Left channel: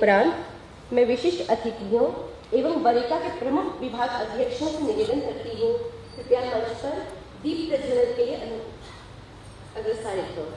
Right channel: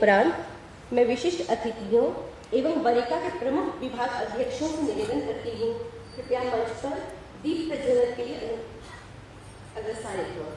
उपरांत मैं विशिष्ट अतिथियों एवं वरीयता के प्रमुख विभाग अध्यक्षों से निवेदन करती हूँ, कृपया मंच पर दीप प्रज्वलन के लिए अग्रसारित हो।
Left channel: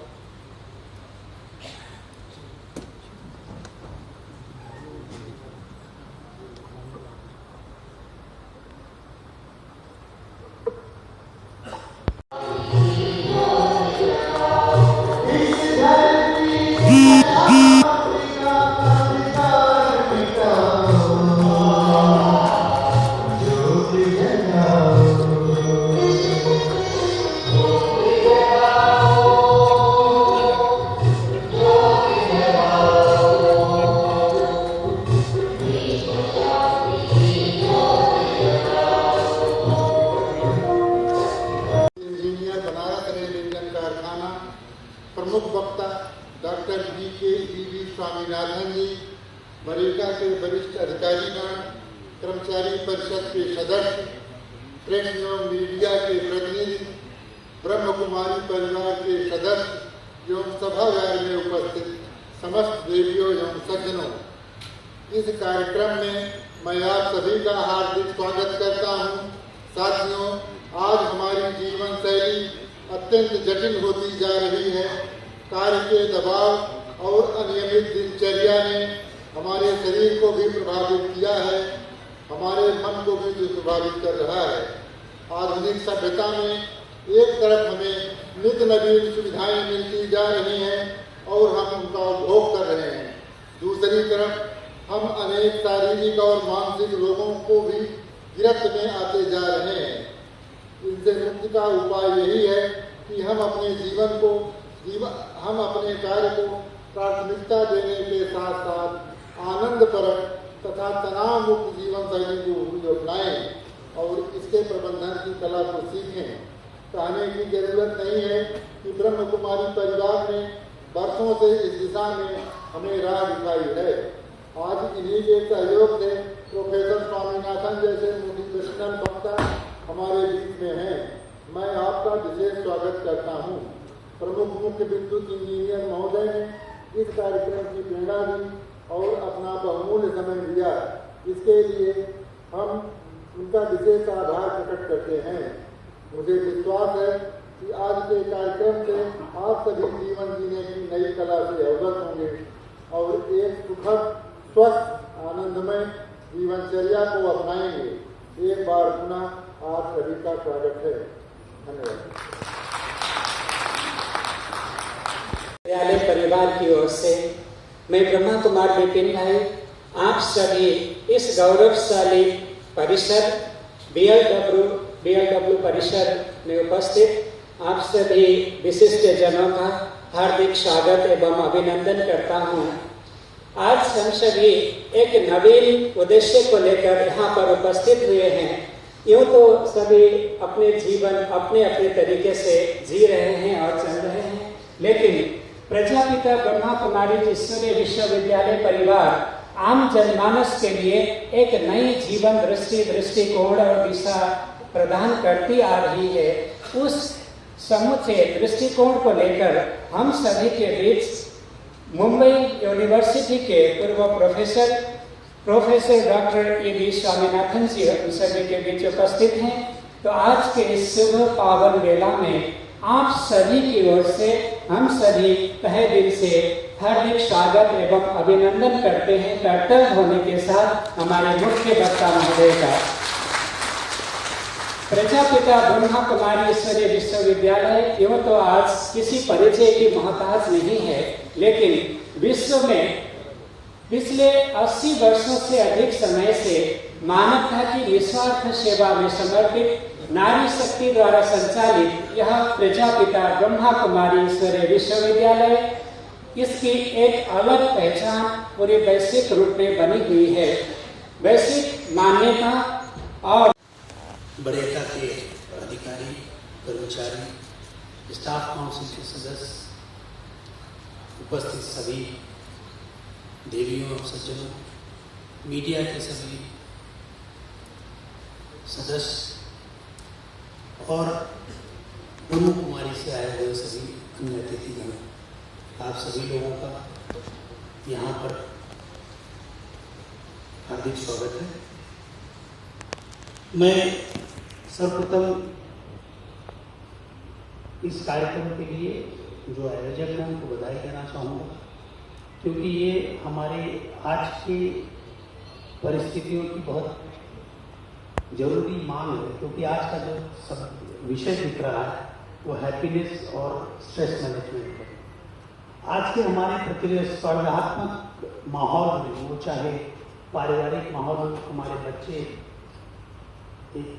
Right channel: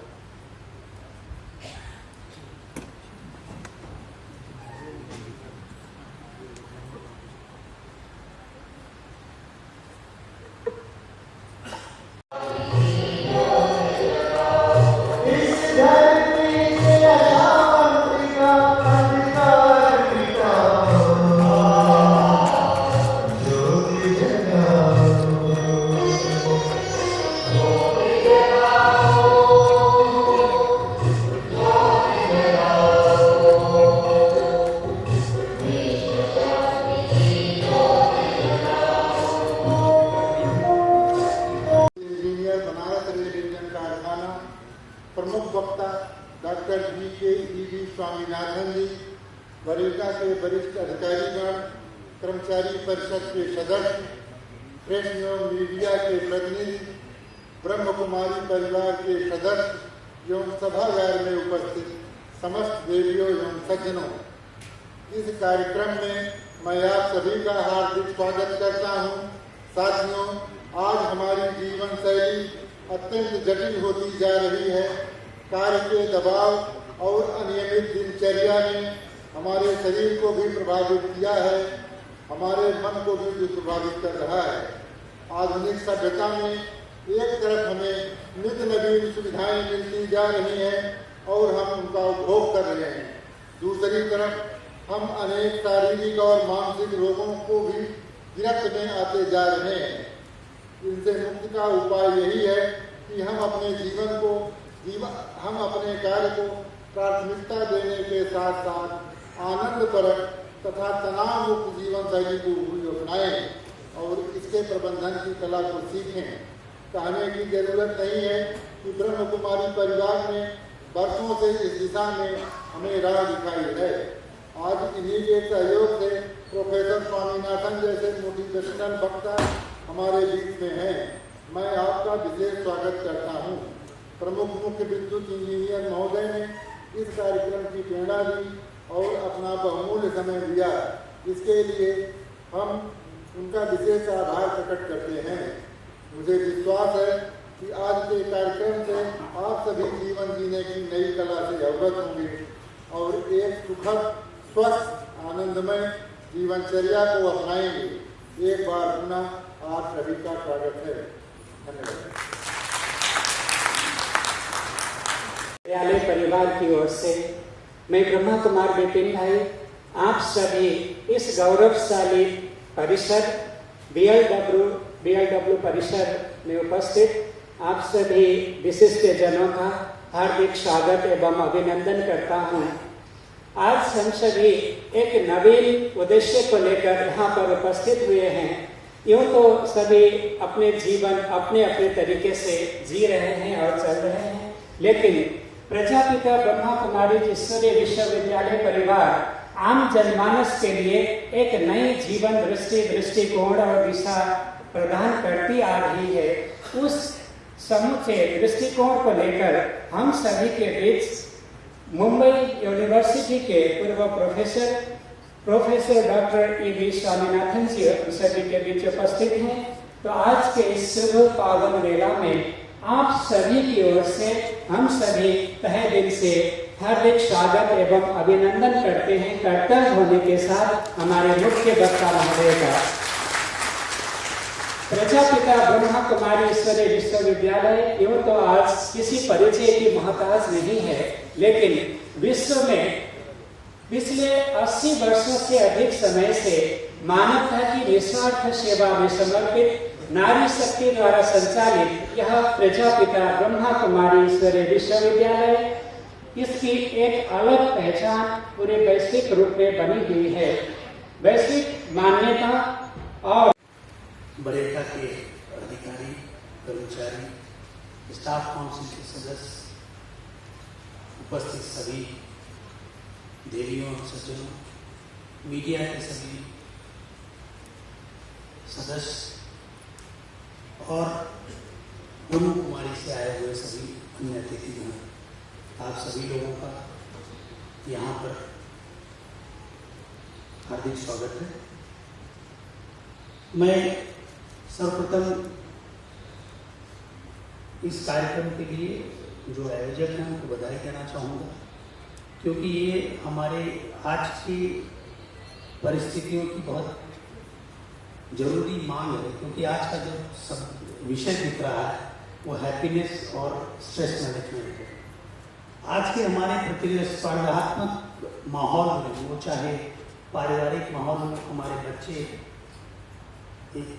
प्रमुख वक्ता डॉक्टर वी.के.ई.वी. स्वामीनाथन जी, मनरेगा के वरिष्ठ अधिकारीगण, कर्मचारी परिषद के सदस्य, प्रेस एवं मीडिया के प्रतिनिधि, ब्रह्म कुमारी परिवार के सदस्य एवं सभागार में उपस्थित समस्त देवियों एवं सज्जनों, इस कार्यक्रम में मैं आप सभी का हार्दिक स्वागत करता हूँ। साथियों, आज हमारी जीवन शैली अत्यंत जटिल होती जा रही है। कार्य के दबाव और अनियमित दिनचर्या ने हमारे शरीर को भी प्रभावित किया है, हमारे मन को भी प्रभावित कर रहा है। आधुनिक सभ्यता में एक तरफ हमें नित्य नवीन सुविधाएं मिलती जा रही हैं और हम उनका उपभोग कर रहे हैं, दूसरी तरफ हम अनेक शारीरिक और मानसिक रोगों को भी गिरफ्त में आते जा रहे हैं। इनसे मुक्ति का उपाय यही है कि हम अपने कार्य को प्राथमिकता देने के साथ साथ आनंदप्रद तथा तनाव मुक्त जीवन शैली को अपनाएं और इसके प्रबंधन की कला को सीखें। कहने की जरूरत नहीं है कि ब्रह्म कुमारी परिवार ने वर्षों से इस दिशा में हमें राह दिखाई है। आज इन्हीं के सहयोग से प्रोफेसर स्वामीनाथन जैसे मोटिवेशनल वक्ता हमारे बीच में हैं। मैं आपका विशेष स्वागत करता हूँ। प्रमुख मुख्य विद्युत इंजीनियर महोदय ने इस कार्यक्रम की प्रेरणा दी और अपना बहुमूल्य समय दिया। इसके लिए हम उनका विशेष आभार प्रकट करते हैं। मुझे विश्वास है कि आज के कार्यक्रम से आप सभी जीवन जीने की नई कला से अवगत होंगे और एक सुखद, स्वस्थ, आनंदमय जीवनचर्या को अपनाएंगे। एक बार पुनः आप सभी का स्वागत है। धन्यवाद। विद्यालय परिवार की ओर से मैं ब्रह्मा कुमार विपिन भाई आप सभी इस गौरवशाली परिसर BLW परिसर में उपस्थित आप सभी विशिष्ट जनों का हार्दिक स्वागत एवं अभिनंदन करता हूँ। आज हम सभी एक नवीन उद्देश्य को लेकर यहाँ पर उपस्थित हुए हैं। यूँ तो सभी अपने जीवन अपने अपने तरीके से जी रहे हैं और चल रहे हैं, लेकिन प्रजापिता ब्रह्मा कुमारी ईश्वरीय विश्वविद्यालय परिवार आम जनमानस के लिए एक नई जीवन दृष्टिकोण और दिशा प्रदान करती आ रही है। उस समूचे दृष्टिकोण को लेकर हम सभी के बीच मुंबई यूनिवर्सिटी के पूर्व प्रोफेसर डॉक्टर E.V. स्वामीनाथन जी सभी के बीच उपस्थित हैं। तो आज के इस शुभ पावन वेला में आप सभी की ओर से हम सभी तहे दिल से हार्दिक स्वागत एवं अभिनंदन करते हैं। कर्तव्य होने के साथ हमारे मुख्य वक्ता महोदय का प्रजापिता ब्रह्मा कुमारी ईश्वरीय विश्वविद्यालय यूँ तो आज किसी परिचय की मोहताज नहीं है, लेकिन विश्व में पिछले 80 वर्षों से अधिक समय से मानवता की निस्वार्थ सेवा में समर्पित नारी शक्ति द्वारा संचालित यह प्रजापिता ब्रह्मा कुमारी ईश्वरीय विश्वविद्यालय, इसकी एक अलग पहचान पूरे वैश्विक रूप में बनी हुई है। वैश्विक मान्यता और बड़ेका के अधिकारी, कर्मचारी, स्टाफ काउंसिल के सदस्य, उपस्थित सभी देवियों, सज्जनों, मीडिया के सभी सदस्य और ब्रह्म कुमारी से आए हुए सभी अन्य अतिथिगण, आप सभी लोगों का यहाँ पर हार्दिक स्वागत है। मैं सर्वप्रथम इस कार्यक्रम के लिए जो आयोजक हैं उनको बधाई देना चाहूँगा, क्योंकि ये हमारे आज की परिस्थितियों की बहुत जरूरी मांग है। क्योंकि आज का जो सब विषय दिख रहा है वो हैप्पीनेस और स्ट्रेस मैनेजमेंट है। आज के हमारे प्रतिस्पर्धात्मक माहौल में, वो चाहे पारिवारिक माहौल में, हमारे बच्चे एक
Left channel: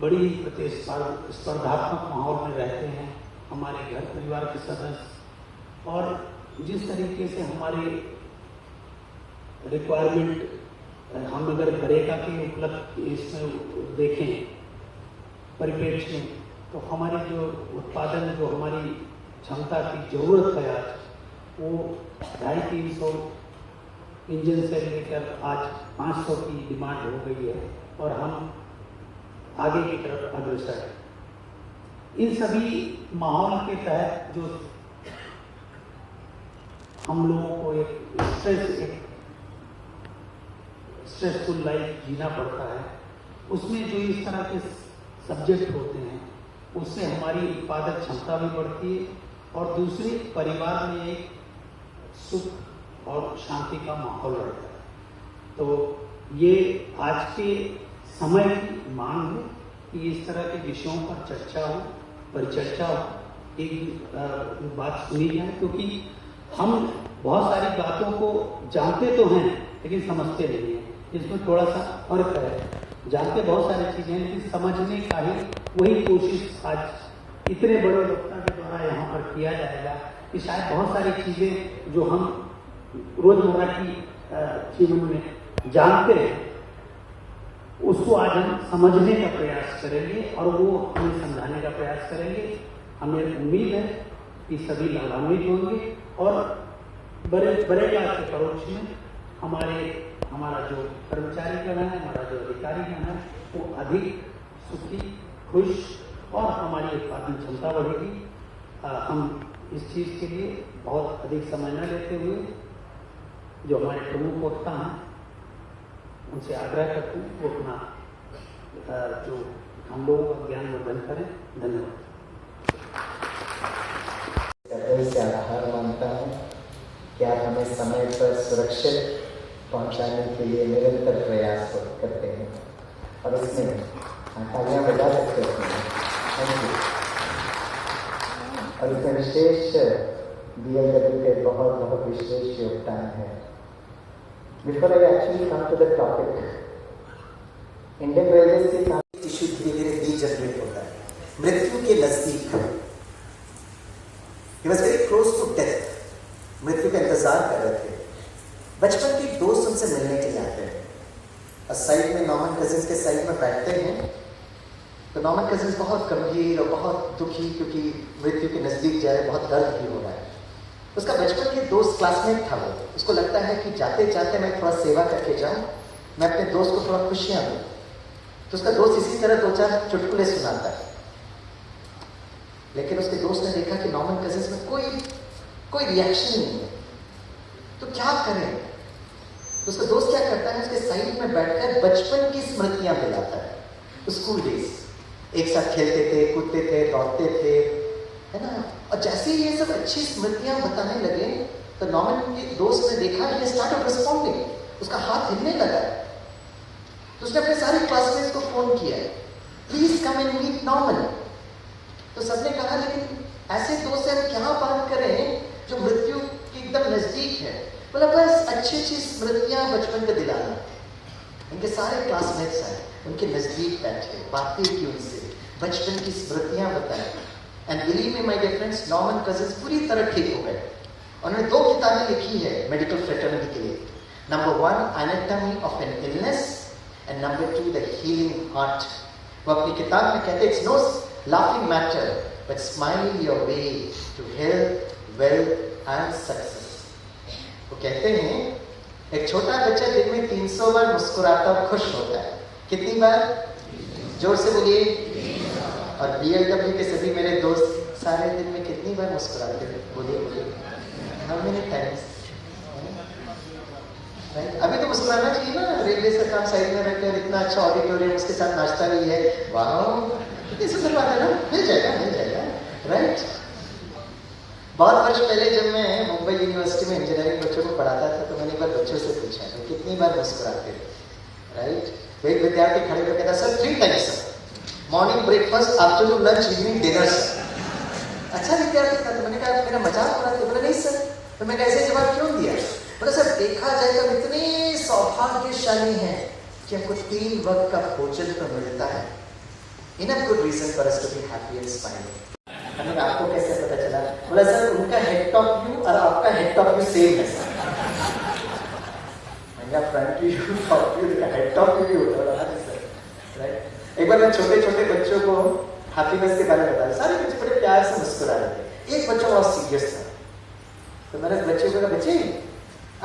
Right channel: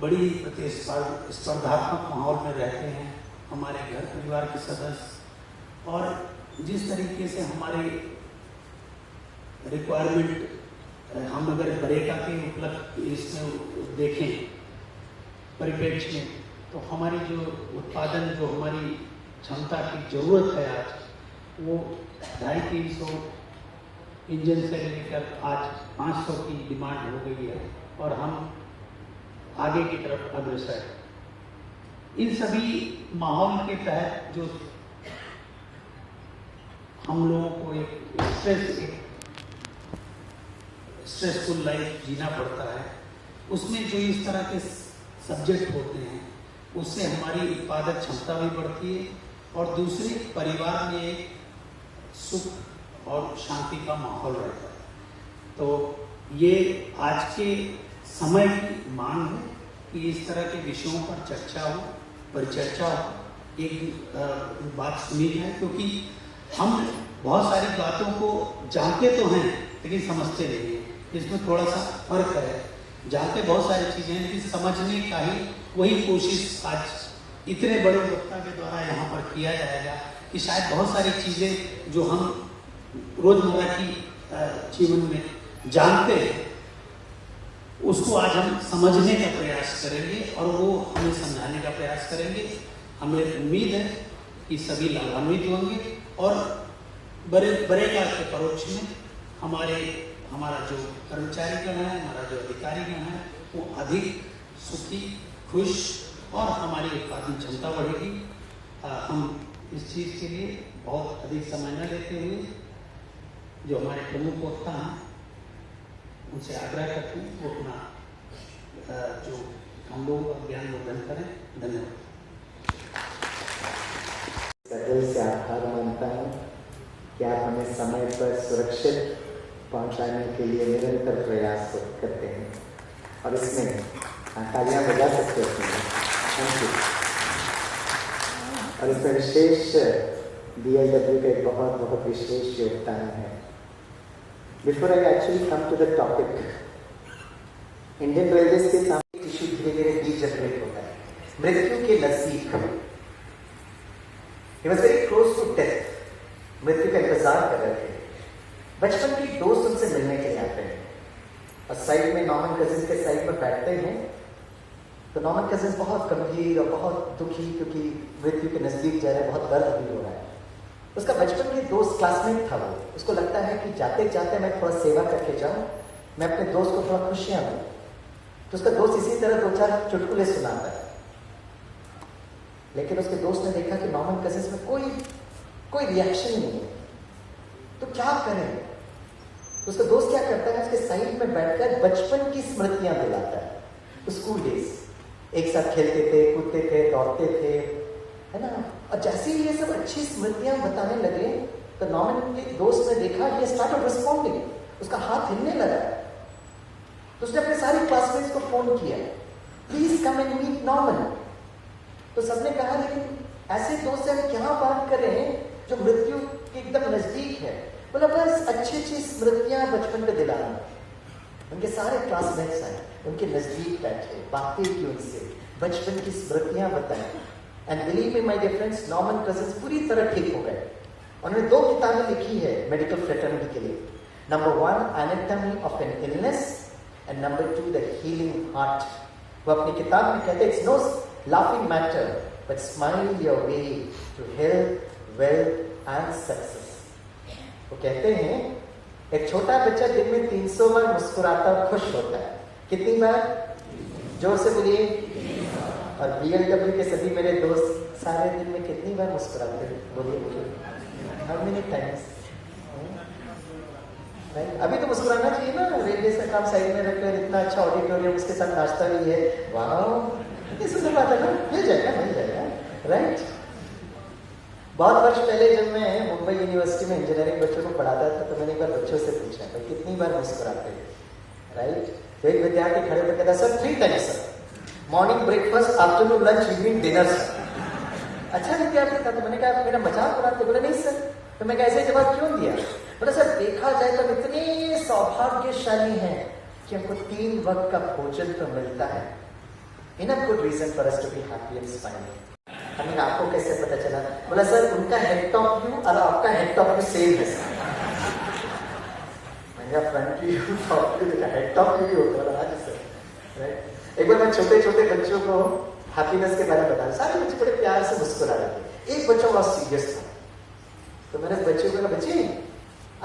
बड़ी प्रतिस्पर्धात्मक माहौल में रहते हैं। हमारे घर परिवार के सदस्य, और जिस तरीके से हमारे रिक्वायरमेंट, हम अगर बरेका के उपलब्ध इसमें देखें परिप्रेक्ष्य में, तो हमारी जो उत्पादन, जो हमारी क्षमता की जरूरत है आज, वो 250-300 इंजन से लेकर आज 500 की डिमांड हो गई है, और हम आगे की तरफ अग्रसर है। इन सभी माहौल के तहत जो हम लोगों को एक स्ट्रेसफुल लाइफ जीना पड़ता है, उसमें जो इस तरह के सब्जेक्ट होते हैं उससे हमारी उत्पादक क्षमता भी बढ़ती है, और दूसरे परिवार में एक सुख और शांति का माहौल रहता है। तो ये आज के समय की मांग है कि इस तरह के विषयों पर चर्चा हो, परिचर्चा हो, एक बात सुनी जाए, क्योंकि हम बहुत सारी बातों को जानते तो हैं लेकिन समझते नहीं हैं। इसमें थोड़ा सा फर्क है। जानते बहुत सारी चीजें हैं लेकिन समझने का ही वही कोशिश आज इतने बड़े वक्ता के द्वारा यहाँ पर किया जाएगा कि शायद बहुत सारी चीजें जो हम रोजमर्रा की जीवन में जानते हैं उसको आज हम समझने का प्रयास करेंगे, और वो हमें समझाने का प्रयास करेंगे। हमें उम्मीद है कि सभी लाभान्वित होंगे, और बरेगा के परोक्ष में हमारा जो कर्मचारीगण है, हमारा जो अधिकारीगण है, वो अधिक सुखी, खुश, और हमारी उत्पादन क्षमता बढ़ेगी। हम इस चीज़ के लिए बहुत अधिक समय न लेते हुए जो हमारे प्रमुख वक्ता हैं उनसे आग्रह करते हैं वो अपना जो हम लोगों का ज्ञान वर्धन करें। धन्यवाद। दिल से आभार मानता हूँ कि आप हमें समय पर सुरक्षित पहुँचाने के लिए निरंतर प्रयास करते हैं, और इसमें तालियां बजा सकते हैं। Thank you. और इसमें विशेष DIW के बहुत बहुत विशेष योगदान है। Before I actually come to the topic, Indian railway के सामने टिश्यू धीरे धीरे डीजनरेट होता है, मृत्यु के नजदीक। He was very close to death, मृत्यु का इंतजार कर रहे थे। बचपन के दोस्त उनसे मिलने के लिए आते हैं, और साइड में नॉर्मन कजिन्स के साइड में बैठते हैं। तो नॉर्मन कजिन्स बहुत गंभीर और बहुत दुखी, क्योंकि मृत्यु के नजदीक जा रहे हैं, बहुत दर्द भी हो रहा है। उसका बचपन के दोस्त क्लासमेट था वो, उसको लगता है कि जाते जाते मैं थोड़ा सेवा करके जाऊं, मैं अपने दोस्त को थोड़ा खुशियां दूं। तो उसका दोस्त इसी तरह 2-4 चुटकुले सुनाता है, लेकिन उसके दोस्त ने देखा कि नॉर्मन कजिन्स में कोई रिएक्शन नहीं है, तो क्या करें। तो उसका दोस्त क्या करता है, उसके साइड में बैठकर बचपन की स्मृतियां दिलाता है। स्कूल डेज, एक साथ खेलते थे, कूदते थे, दौड़ते थे, है ना। और जैसे ही ये सब अच्छी स्मृतियां बताने लगे, तो नॉर्मन के दोस्त ने देखा कि स्टार्टेड रिस्पॉन्डिंग, उसका हाथ हिलने लगा। तो उसने अपने सारे क्लासमेट्स को फोन किया, please come and meet Norman. तो सबने कहा लेकिन ऐसे दोस्त से हम क्या बात करें जो मृत्यु के एकदम नजदीक है। बोला बस अच्छी स्मृतियां बचपन में दिलाना। उनके सारे क्लासमेट्स हैं, उनके नजदीक बैठे, बातें की उनसे, बचपन की स्मृतियां बताएं। And believe me my dear friends, Norman Cousins पूरी तरह ठीक हो गए। उन्होंने 2 किताबें लिखी है मेडिकल फ्रेटर्निटी के लिए। Number 1 anatomy of an illness, and number 2 the healing heart. वो अपनी किताब में कहते हैं, it's no laughing matter but smile your way to health, wealth and success. वो कहते हैं एक छोटा बच्चा दिन में 300 बार मुस्कुराता और खुश होता है। कितनी बार? जोर से बोलिए। और BLW के सभी मेरे दोस्त सारे दिन में कितनी बार मुस्कुराते हैं? बोलिए। How many times? अभी तो मुस्कुराना चाहिए ना, रेलवे का काम साइड में रखकर इतना अच्छा ऑडिटोरियम, उसके साथ नाश्ता भी है, वाह कितनी सुंदर बात है ना, मिल जाएगा, राइट। बहुत वर्ष पहले जब मैं मुंबई यूनिवर्सिटी में इंजीनियरिंग बच्चों को पढ़ाता था तो मैंने एक बार बच्चों से पूछा कि कितनी बार मुस्कुराते थे, राइट। एक विद्यार्थी खड़े होकर कहता sir 3 times sir, morning breakfast, afternoon lunch, evening dinner sir. अच्छा विद्यार्थी था, तो मैंने कहा मेरा मजाक हो रहा है, बोला नहीं सर। तो मैं कैसे जवाब क्यों दिया, बोला सर देखा जाए तो इतने सौभाग्यशाली हैं कि हमको 3 वक्त का भोजन तो मिलता है, enough good reason for us to be happy and smiling. हमने आपको कैसे पता चला, बोला सर उनका हेड टॉप व्यू और आपका हेड टॉप व्यू सेम है सर। मैंने फ्रंट व्यू टॉप व्यू देखा, हेड टॉप व्यू होता है सर, राइट। एक बार मैं छोटे छोटे बच्चों को हैप्पीनेस के बारे में बताया, सारे बच्चे बड़े प्यार से मुस्कुरा रहे थे, एक बच्चा बहुत सीरियस था, तो मैंने बच्चे को कहा बच्चे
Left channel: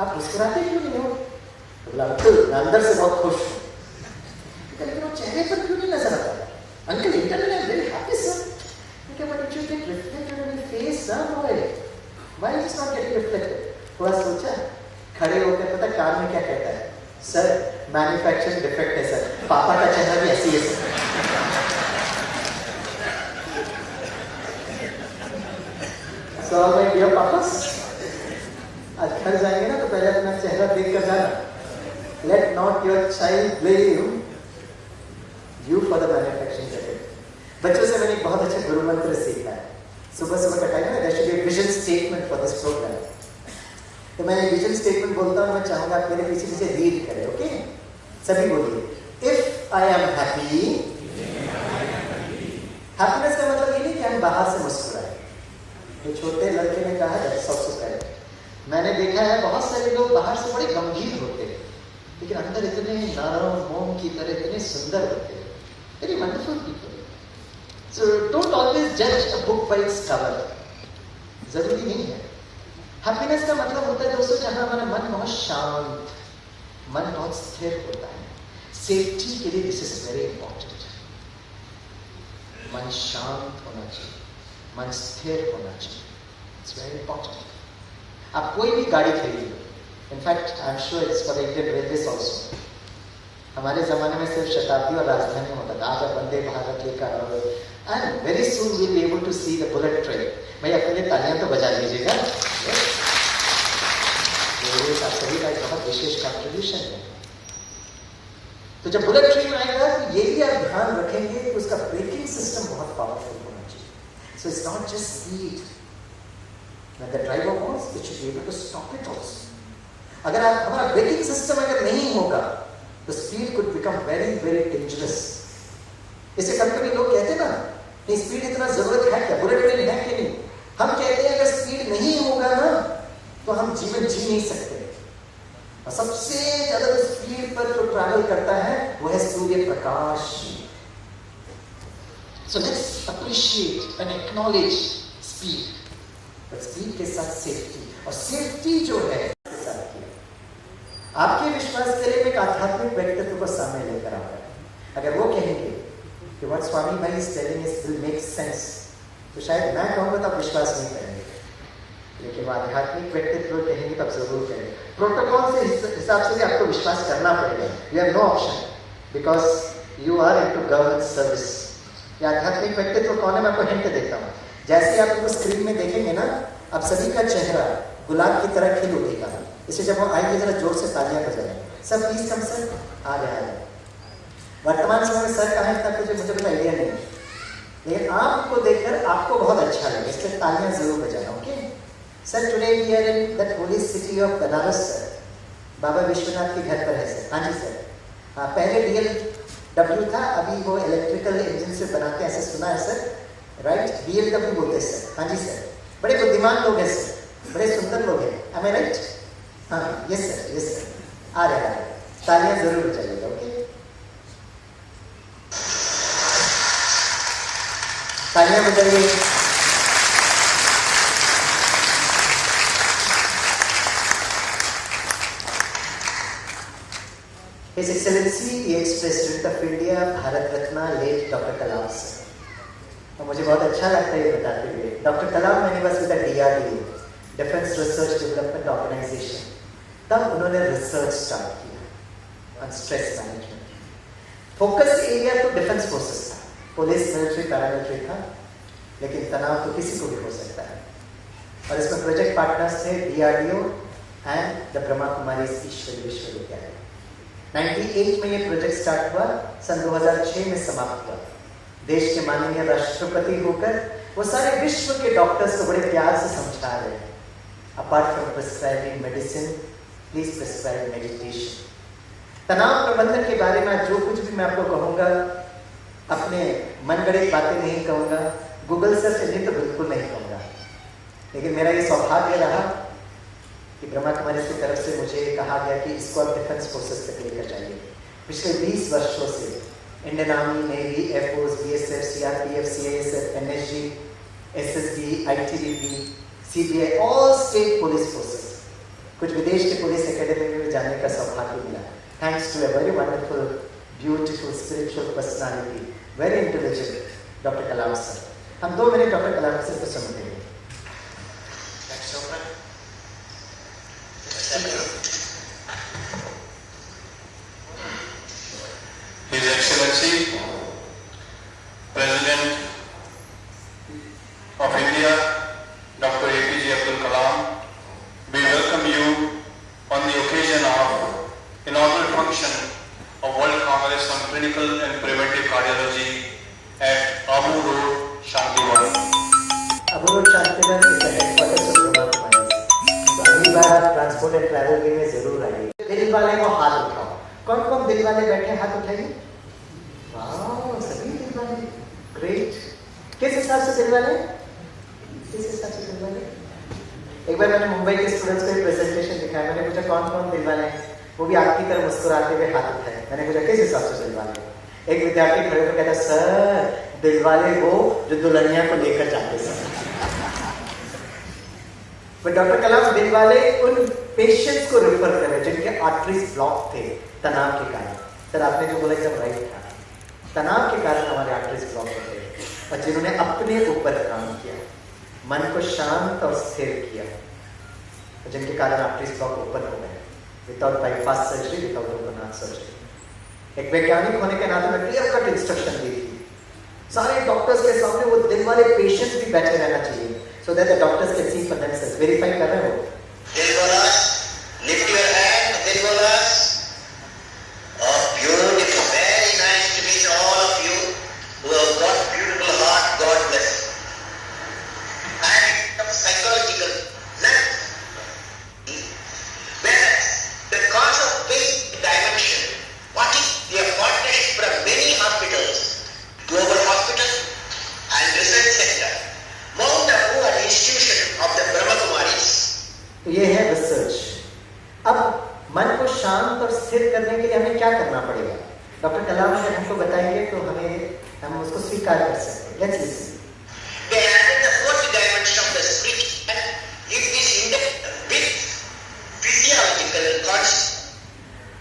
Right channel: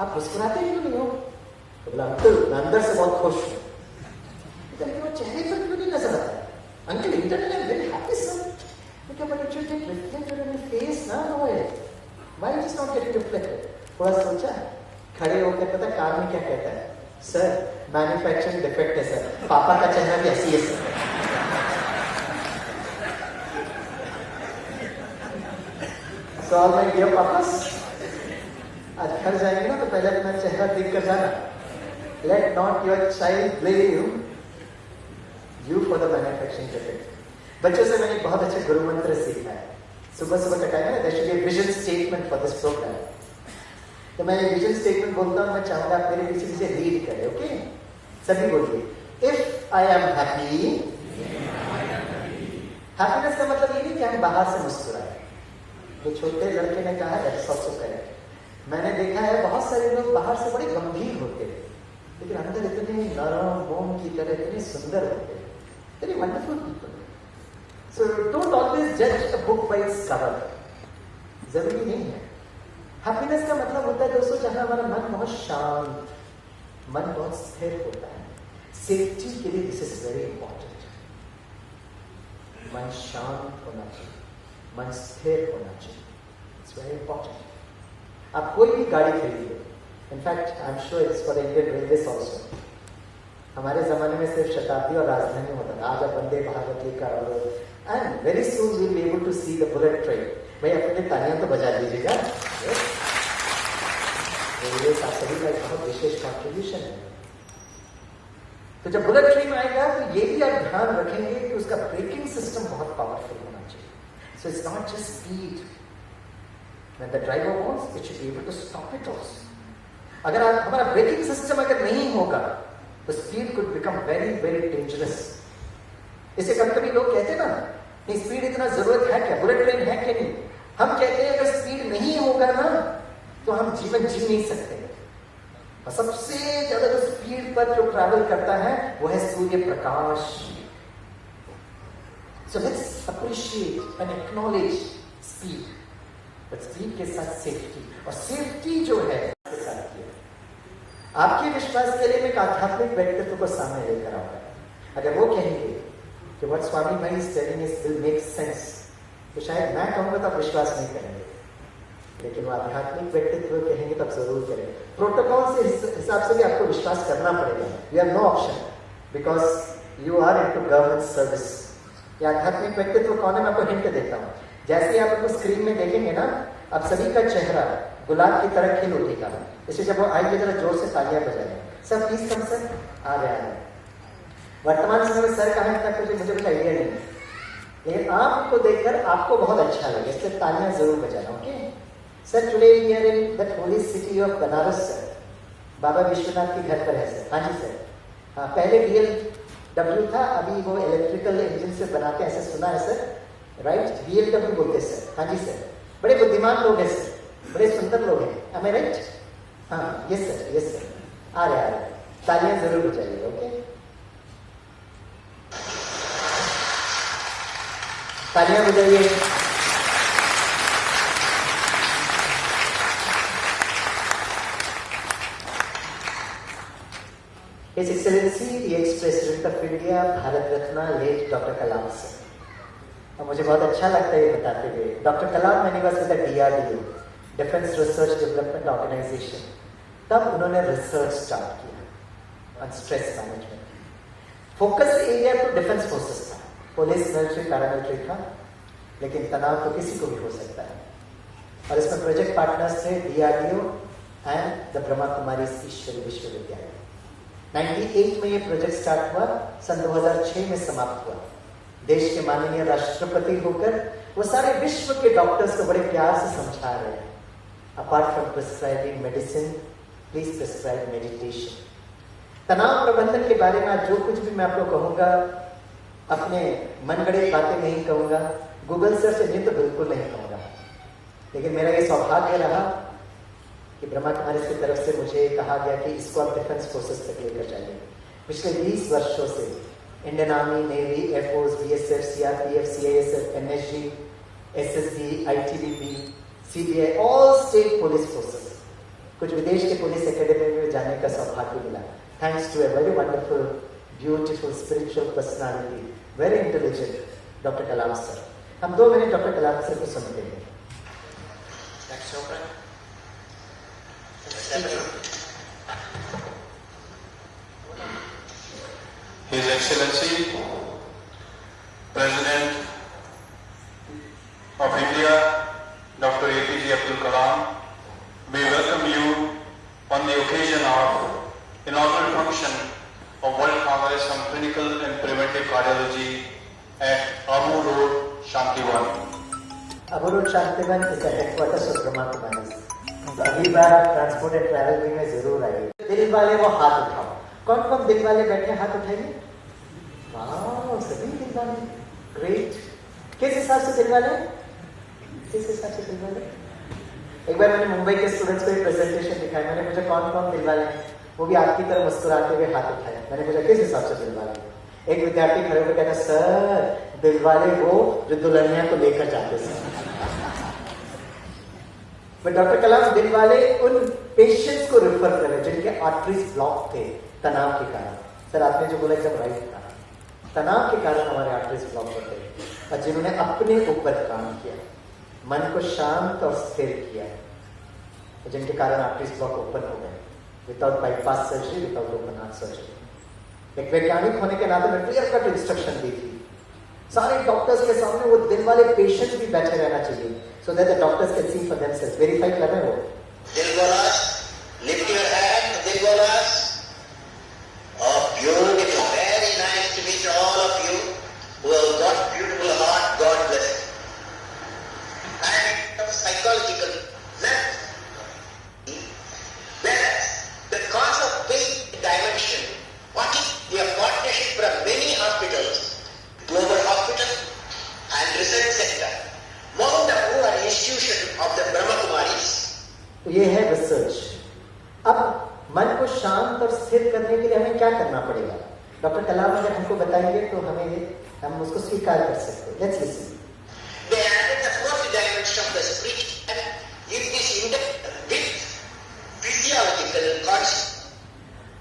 आप मुस्कुराते क्यों नहीं हो, बोला अंकल मैं अंदर से बहुत खुश हूँ, लेकिन वो चेहरे पर क्यों नहीं नजर आता, uncle internally I am very happy sir. But it should get reflected on your face, ना boy. Why is it not getting reflected? थोड़ा सोचा, खड़े होकर पता कार में क्या कहता है, सर मैन्युफैक्चरिंग डिफेक्ट है सर, पापा का चेहरा भी ऐसी है सर। So मैं डियर पापा, आज घर जाएंगे ना तो पहले अपना चेहरा देख कर जाना। Let not your child blame you for the manufacturing defect. बच्चों से मैंने एक बहुत अच्छा गुरु मंत्र सीखा है, सुबह सुबह का टाइम है, there should be vision statement for this program. तो मैं विजन स्टेटमेंट बोलता हूँ, मैं चाहूंगा आप मेरे पीछे पीछे रीड करें, ओके? सभी बोलिए, if I am happy. Happiness का मतलब ये नहीं कि हम बाहर से मुस्कुराए, तो छोटे लड़के ने कहा सबसे पहले मैंने देखा है बहुत सारे लोग बाहर से बड़े गंभीर होते हैं लेकिन अंदर इतने नरम मोम की तरह इतने सुंदर होते हैं, very wonderful people. So don't always judge a book by its cover. जरूरी नहीं है। हैप्पीनेस का मतलब होता है दोस्तों जहां हमारा मन बहुत शांत, मन बहुत स्थिर होता है। सेफ्टी के लिए दिस इज वेरी इंपॉर्टेंट। मन शांत होना चाहिए, मन स्थिर होना चाहिए, इट्स वेरी इंपॉर्टेंट। आप कोई भी गाड़ी खरीदिए, in fact I am sure it's for Indian railways also. हमारे जमाने में सिर्फ शताब्दी और राजधानी होता था, आज वंदे भारत लेकर and very soon we'll be able to see the bullet train. भाई अपने लिए तालियां तो बजा लीजिएगा, ये सभी का बहुत विशेष कंट्रीब्यूशन है। तो जब बुलेट ट्रेन आएगा तो ये भी आप ध्यान रखेंगे कि उसका ब्रेकिंग सिस्टम बहुत पावरफुल होना चाहिए। So it's not just speed. When the driver wants, it should be able to stop it also. अगर आप हमारा ब्रेकिंग सिस्टम अगर नहीं होगा तो speed could become very very dangerous. इससे कभी कभी लोग कहते ना नहीं स्पीड इतना जरूरत है क्या, बुलेट ट्रेन है कि नहीं। हम कहते हैं अगर स्पीड नहीं होगा ना तो हम जीवन जी नहीं सकते। और सबसे ज्यादा स्पीड पर जो ट्रैवल करता है वो है Surya Prakash. So let's appreciate and acknowledge speed, but speed के साथ सेफ्टी, और सेफ्टी जो है आपके विश्वास के लिए एक आध्यात्मिक व्यक्तित्व को सामने लेकर आ रहा है। अगर वो कहेंगे कि what Swami Bhai is telling us will make sense, तो शायद मैं कहूँगा तो आप विश्वास नहीं करेंगे, लेकिन वो आध्यात्मिक व्यक्तित्व कहेंगे तब जरूर करेंगे। प्रोटोकॉल से हिसाब से भी आपको विश्वास करना पड़ेगा, you have no option because you are into government service. ये आध्यात्मिक व्यक्तित्व कौन है मैं आपको हिंट देता हूँ। जैसे आप उनको स्क्रीन में देखेंगे ना, आप सभी का चेहरा गुलाब की तरह खिल उठेगा। इसलिए जब वो आएंगे जरा जोर से तालियां बजाएं। सर प्लीज कम सर, आ रहा है। वर्तमान समय में सर कहाँ तक मुझे कोई आइडिया नहीं, लेकिन आपको देखकर आपको बहुत अच्छा लगे, इसलिए तालियां जरूर बजाना, okay? Sir today we are in that holy city of Banaras sir, Baba Vishwanath के घर पर है सर। हाँ जी सर, हाँ पहले BMW था, अभी वो इलेक्ट्रिकल इंजन से बनाते हैं, ऐसे सुना है सर, राइट? BMW बोलते हैं सर। हाँ जी सर, बड़े बुद्धिमान लोग हैं सर, बड़े सुंदर लोग हैं, am I right? हाँ यस सर, यस सर, आ रहे हैं, तालियां जरूर बजाइएगा, ओके? तालियां बजाइए। His Excellency the ex-President of India, Bharat Ratna late doctor Kalam sir. और मुझे बहुत अच्छा लगता है ये बताते हुए, डॉक्टर कलाम मैंने बस with DRDO, Defense Research Development Organization, तब उन्होंने रिसर्च स्टार्ट किया on stress management. Focus area तो डिफेंस फोर्सेस था, पुलिस, मिलिट्री, पैरामिलिट्री था, लेकिन तनाव तो किसी को भी हो सकता है। और इसमें प्रोजेक्ट पार्टनर्स थे DRDO and the Brahma Kumari ईश्वरी विश्वविद्यालय। 98 में ये प्रोजेक्ट स्टार्ट हुआ, सन 2006 में समाप्त हुआ। देश के माननीय राष्ट्रपति होकर वो सारे विश्व के डॉक्टर्स को बड़े प्यार से समझा रहे हैं, apart from prescribing medicine, please prescribe meditation. तनाव प्रबंधन के बारे में जो कुछ भी मैं आपको कहूंगा, अपने मनगढ़ंत बातें नहीं कहूंगा, गूगल सर्च नहीं तो बिल्कुल नहीं कहूंगा। लेकिन मेरा ये सौभाग्य रहा कि ब्रह्मा कुमारी की तरफ से मुझे कहा गया कि इसको आप डिफेंस फोर्सेस तक लेकर जाइए। पिछले 20 वर्षों से Indian army, navy, air force, BSF, CRPF, CISF, NSG, SSB, ITBP, CBI, all state police forces, कुछ विदेश के पुलिस एकेडमी में जाने का सौभाग्य मिला। Thanks to a very wonderful, beautiful, spiritual personality, very intelligent, doctor Kalam sir. हम 2 मिनट डॉक्टर कलाम सर को सुनते हैं। His Excellency, President of India, Dr. APJ Abdul Kalam, we welcome you on the occasion of inaugural function of World Congress on Clinical and Preventive Cardiology at Abu Road, Shantiwan. Abu Road, Shantiwan is the headquarters of Brahma Kumaris. तो अगली बार आप transport and travel में जरूर आइए। दिल वाले को हाथ उठाओ। कौन कौन दिल वाले बैठे, हाथ उठाइए। वाह, सभी दिल वाले, ग्रेट। किस हिसाब से दिल वाले? किस हिसाब से दिल वाले? एक बार मैंने मुंबई के स्टूडेंट्स को एक प्रेजेंटेशन दिखाया, मैंने पूछा कौन कौन दिल वाले हैं, वो भी आपकी तरह मुस्कुराते हुए हाथ उठाए। मैंने पूछा किस हिसाब से दिल वाले? एक विद्यार्थी खड़े होकर कहता, सर दिल वाले वो जो दुल्हनिया को लेकर जाते हैं। डॉक्टर कलाम दिल वाले उन पेशेंट्स को रेफर कर रहे जिनके आर्टरीज ब्लॉक थे तनाव के कारण। सर आपने जो बोला एकदम राइट था, तनाव के कारण हमारे आर्टरीज ब्लॉक होते हैं, और जिन्होंने अपने ऊपर काम किया, मन को शांत और स्थिर किया, तो जिनके कारण आर्टरीज ब्लॉक ओपन हो गए, without bypass surgery, without open heart surgery. एक वैज्ञानिक होने के नाते मैं क्लियर कट इंस्ट्रक्शन दी थी, सारे डॉक्टर्स के सामने वो दिल वाले पेशेंट भी बैठे रहना चाहिए, so that the doctors can see for themselves. Verify कर रहे हो? Dilwaras, lift your hand, Dilwaras. Oh, beautiful, very nice to meet all of you who have got beautiful heart. God bless you. And psychological length. Whereas the cause of basic dimension, what is the partnership from many hospitals, global hospitals and research center, Mount Abu an institution of the Brahma Kumaris. ये है research. अब मन को शांत और स्थिर करने के लिए हमें क्या करना पड़ेगा? डॉक्टर कलाम अगर हमको बताएंगे तो हम उसको स्वीकार कर सकते हैं। Let's listen. They added the fourth dimension of the spirit and give this with physiological concept.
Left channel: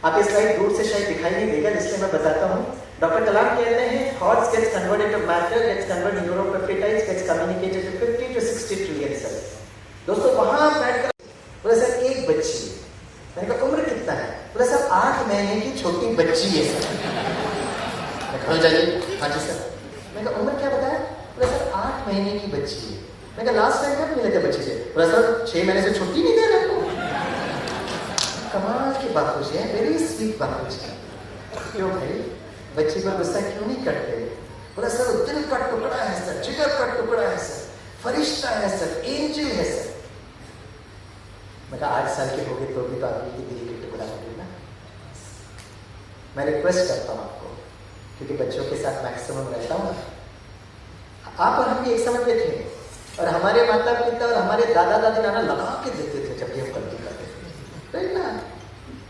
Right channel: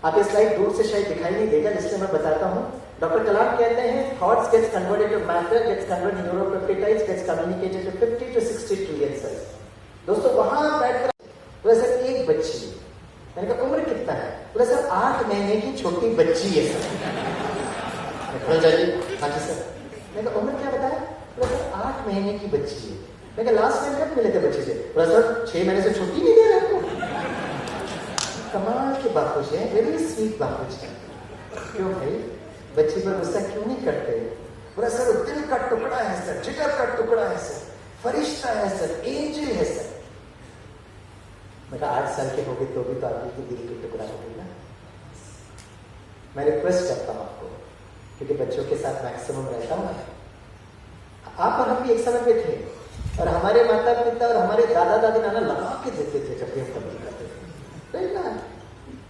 आप ये स्लाइड दूर से शायद दिखाई नहीं देगा, इसलिए मैं बताता हूँ। डॉक्टर कलाम कहते हैं thoughts gets converted to matter, gets converted to neuropeptides, gets communicated to 50 to 60 trillion cells. दोस्तों वहां बैठकर बोला सर एक बच्ची है, मैंने कहा उम्र कितना है? बोला सर 8 महीने की छोटी बच्ची है। हाँ जी सर। मैंने कहा उम्र क्या बताया? बोला सर 8 महीने की बच्ची है। मैंने कहा लास्ट टाइम कब मिले थे बच्ची से? बोला सर 6 महीने से छुट्टी नहीं दे रहा आपको। कमाल की बात है, वेरी स्वीट बात है। क्यों भाई बच्ची पर गुस्सा क्यों नहीं करते? बोला सर वो दिल का टुकड़ा है सर, जिगर का टुकड़ा है सर, फरिश्ता है सर, एंजल है सर। मैं 8 साल के हो गए तो भी तो आदमी की दिल की टुकड़ा होगी ना। मैं रिक्वेस्ट करता हूँ आपको, क्योंकि बच्चों के साथ मैक्सिमम रहता हूँ, आप और हम भी एक समय पे थे, और हमारे माता पिता और हमारे दादा दादी नाना लगा के देते थे जब भी हम गलती करते थे।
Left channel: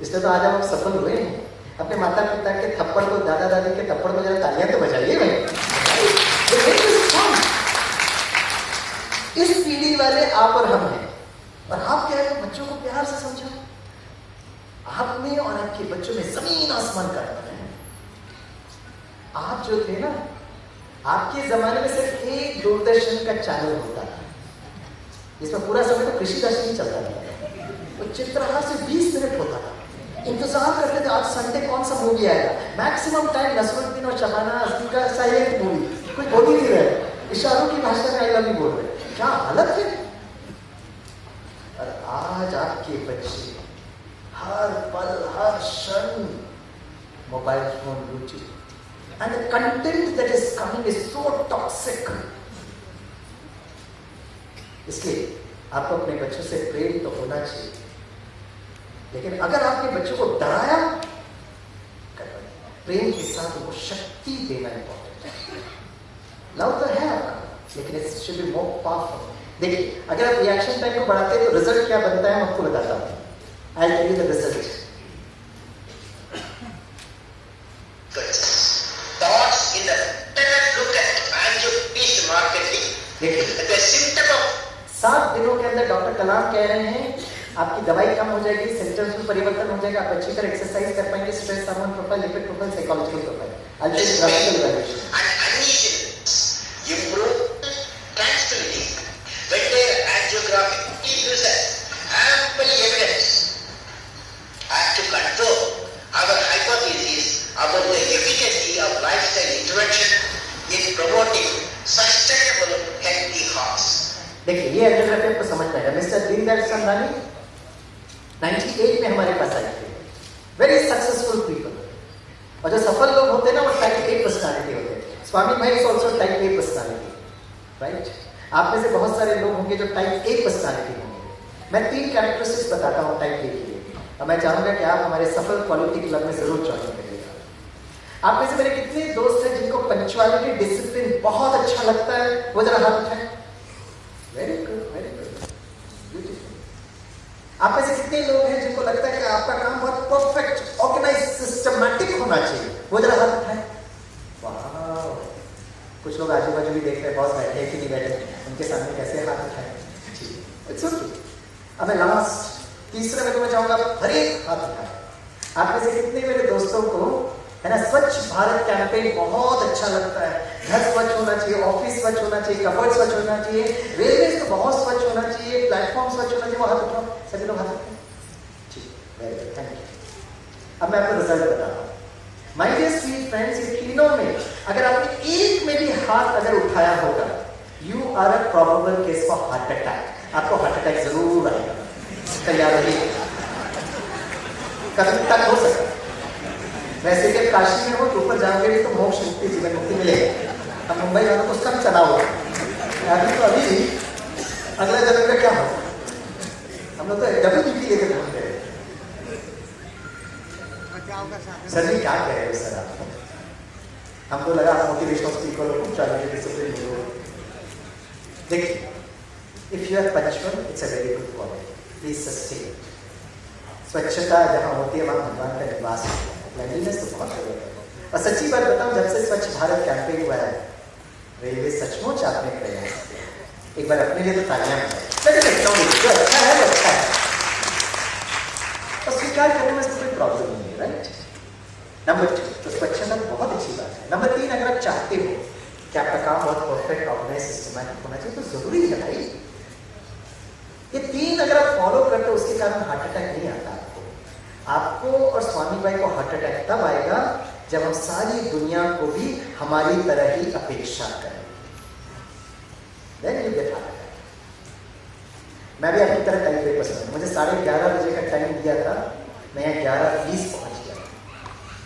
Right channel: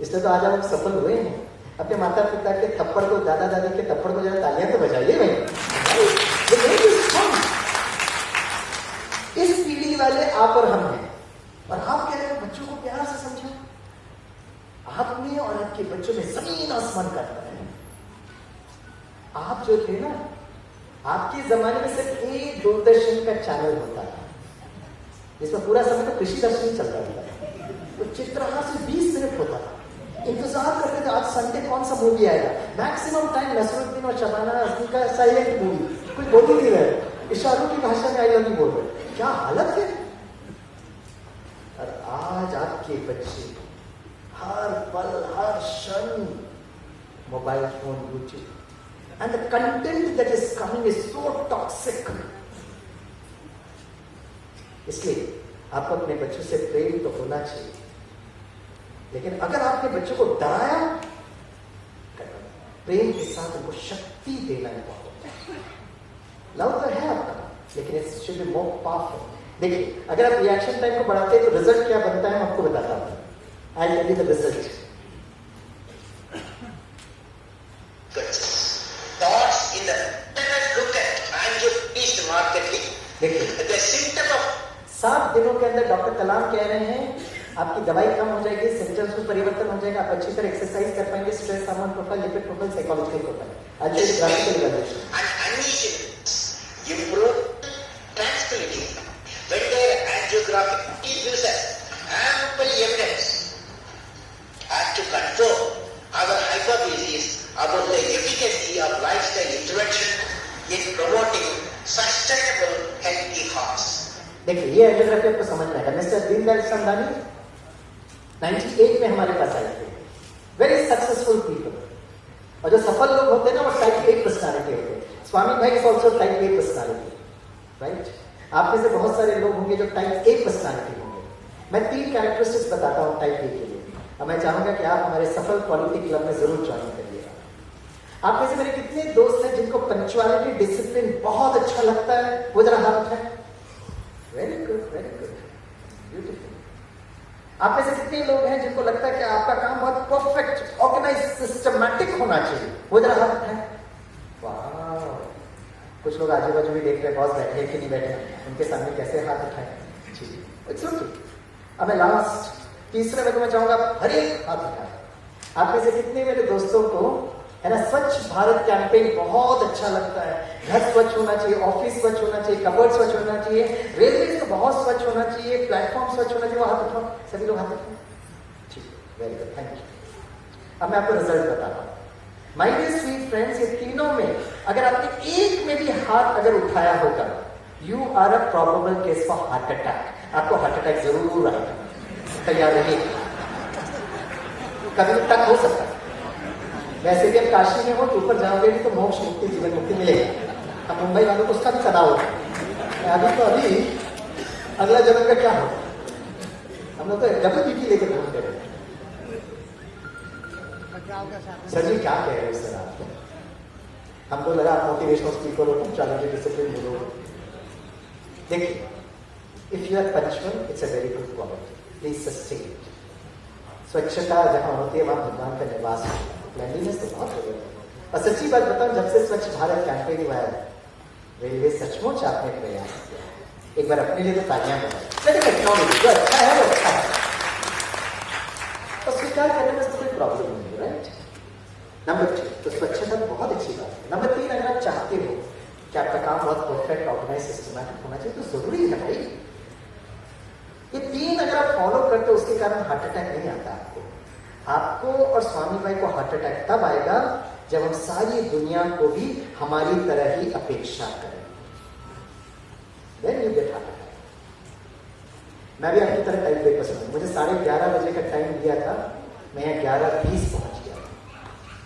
इसलिए तो आज हम सफल हुए हैं। अपने माता पिता के थप्पड़ को, दादा दादी के थप्पड़ को जरा तालियां तो बजाइए भाई। इस पीढ़ी वाले आप और हम हैं, और आप कह रहे हैं बच्चों को प्यार से समझा। आप में और आपके बच्चों में जमीन आसमान का फर्क है। आप जो थे ना, आपके जमाने में सिर्फ एक दूरदर्शन का चैनल होता था, इसमें पूरा समय तो कृषि दर्शन चलता था। तो चित्रहार से 20 मिनट होता था। इंतजार करते थे आज संडे कौन सा मूवी आएगा। मैक्सिमम टाइम नसरुद्दीन और शबाना आजमी का साइलेंट मूवी, कुछ बोल ही नहीं रहे, इशारों की भाषा में आई लव यू बोल रहे। क्या हालत है। और आज आपके बच्चे हर पल हर क्षण mobile phone, YouTube, and the content that is coming is so toxic. इसलिए आपको अपने बच्चों से प्रेम तो होना चाहिए, लेकिन अगर आपके बच्चों को डराया, प्रेम के साथ उनको शक्ति देना इंपॉर्टेंट है। लव तो है आपका, लेकिन it should be more powerful. देखिए, अगर आप रिएक्शन टाइम को बढ़ाते हैं तो रिजल्ट क्या बनता है, मैं आपको बताता हूं। I tell you the result. Thoughts in the let us look at angiopiece marketing. देखिए, The symptom of 7 दिनों के अंदर डॉक्टर कलाम कह रहे हैं आपकी दवाई कम हो जाएगी, सिम्टम्स में परिवर्तन हो जाएगा, आप अच्छी तरह एक्सरसाइज कर पाएंगे, stress hormone profile, lipid profile, psychological profile, improve tranquility. When their angiographic uses ample evidence and to control our hypothesis about the efficacy of lifestyle intervention in promoting sustainable healthy hearts. देखिए, ये angiography को समझना है। Mister Deendayal Samdani 98 में हमारे पास आए थे। Very successful people, और जो सफल लोग होते हैं ना वो टाइप ए पर्सनालिटी होते हैं। स्वामी भाई is also type A personality, right. आप में से बहुत सारे लोग होंगे जो टाइप ए पर्सनालिटी होंगे। मैं 3 कैरेक्टरिस्टिक्स बताता हूँ टाइप ए के लिए, और मैं चाहूंगा कि आप हमारे सफल क्वालिटी क्लब में जरूर ज्वाइन करिएगा। आप में से मेरे कितने दोस्त हैं जिनको पंक्चुअलिटी, डिसिप्लिन बहुत अच्छा लगता है? वो जरा हाथ उठाएं। Very good, very good, beautiful. आप में से कितने लोग हैं जिनको लगता है कि आपका काम बहुत परफेक्ट, ऑर्गेनाइज, सिस्टमैटिक होना चाहिए? वो जरा हाथ उठाएं। वाह, कुछ लोग आजू बाजू भी देख रहे हैं, बॉस बैठे कि नहीं बैठे, उनके सामने कैसे हाथ उठाए। It's okay. अब मैं लास्ट तीसरा में मैं चाहूंगा हर एक हाथ उठाए। आप में से कितने मेरे दोस्तों को है ना स्वच्छ भारत कैंपेन बहुत अच्छा लगता है? घर स्वच्छ होना चाहिए, ऑफिस स्वच्छ होना चाहिए, कबर्ड स्वच्छ होना चाहिए, रेलवे तो बहुत स्वच्छ होना चाहिए, प्लेटफॉर्म स्वच्छ होना चाहिए। वो हाथ उठाओ, सभी लोग हाथ उठाओ। ठीक, वेरी गुड, थैंक यू। अब मैं आपको रिजल्ट बताता हूँ। माय डियर स्वीट फ्रेंड्स, ये तीनों में अगर आपने एक में भी हाथ अगर उठाया होगा, you are a probable case for heart attack. आपको हार्ट अटैक जरूर आएगा, तैयार रहिए। कभी तक हो सकता है। वैसे भी काशी में हो तो ऊपर जाओगे भी तो मोक्ष मुक्ति, जीवन मुक्ति मिलेगा। अब मुंबई वालों को सब चला होगा। अभी अगला जन्म में क्या होगा? हम लोग तो डबल बीपी लेकर घूमते हैं। सर जी क्या कह रहे हैं सर आपको? हमको लगा आप मोटिवेशनल स्पीकर हो, चैलेंज डिसिप्लिन हो। देखिए, if you are punctual it's a very good quality, please sustain it. स्वच्छता जहाँ होती है वहाँ भगवान का निवास है। क्लीनलीनेस तो बहुत जरूरत है। और सच्ची बात बताऊं, जब से स्वच्छ भारत कैंपेन हुआ है, रेलवे सचमुच आपने प्रयास किया। एक बार अपने लिए तो तालियां जो अच्छा है वो अच्छा है, और स्वीकार करने में कोई प्रॉब्लम नहीं है, राइट। नंबर 2, तो स्वच्छता बहुत अच्छी बात है। नंबर 3, अगर आप चाहते हो कि आपका काम बहुत परफेक्ट, ऑर्गेनाइज, सिस्टमैटिक होना चाहिए तो जरूरी है भाई। ये 3 अगर आप फॉलो करते हो उसके कारण हार्ट अटैक नहीं आता आपको और स्वामी भाई को। हार्ट अटैक तब आएगा जब हम सारी दुनिया को भी हमारी तरह ही अपेक्षा करें। Then you get heart attack. मैं भी अपनी तरह टाइम पे पसंद हूँ। मुझे 11:30 बजे का टाइम दिया था, मैं 11:20 पहुंच गया।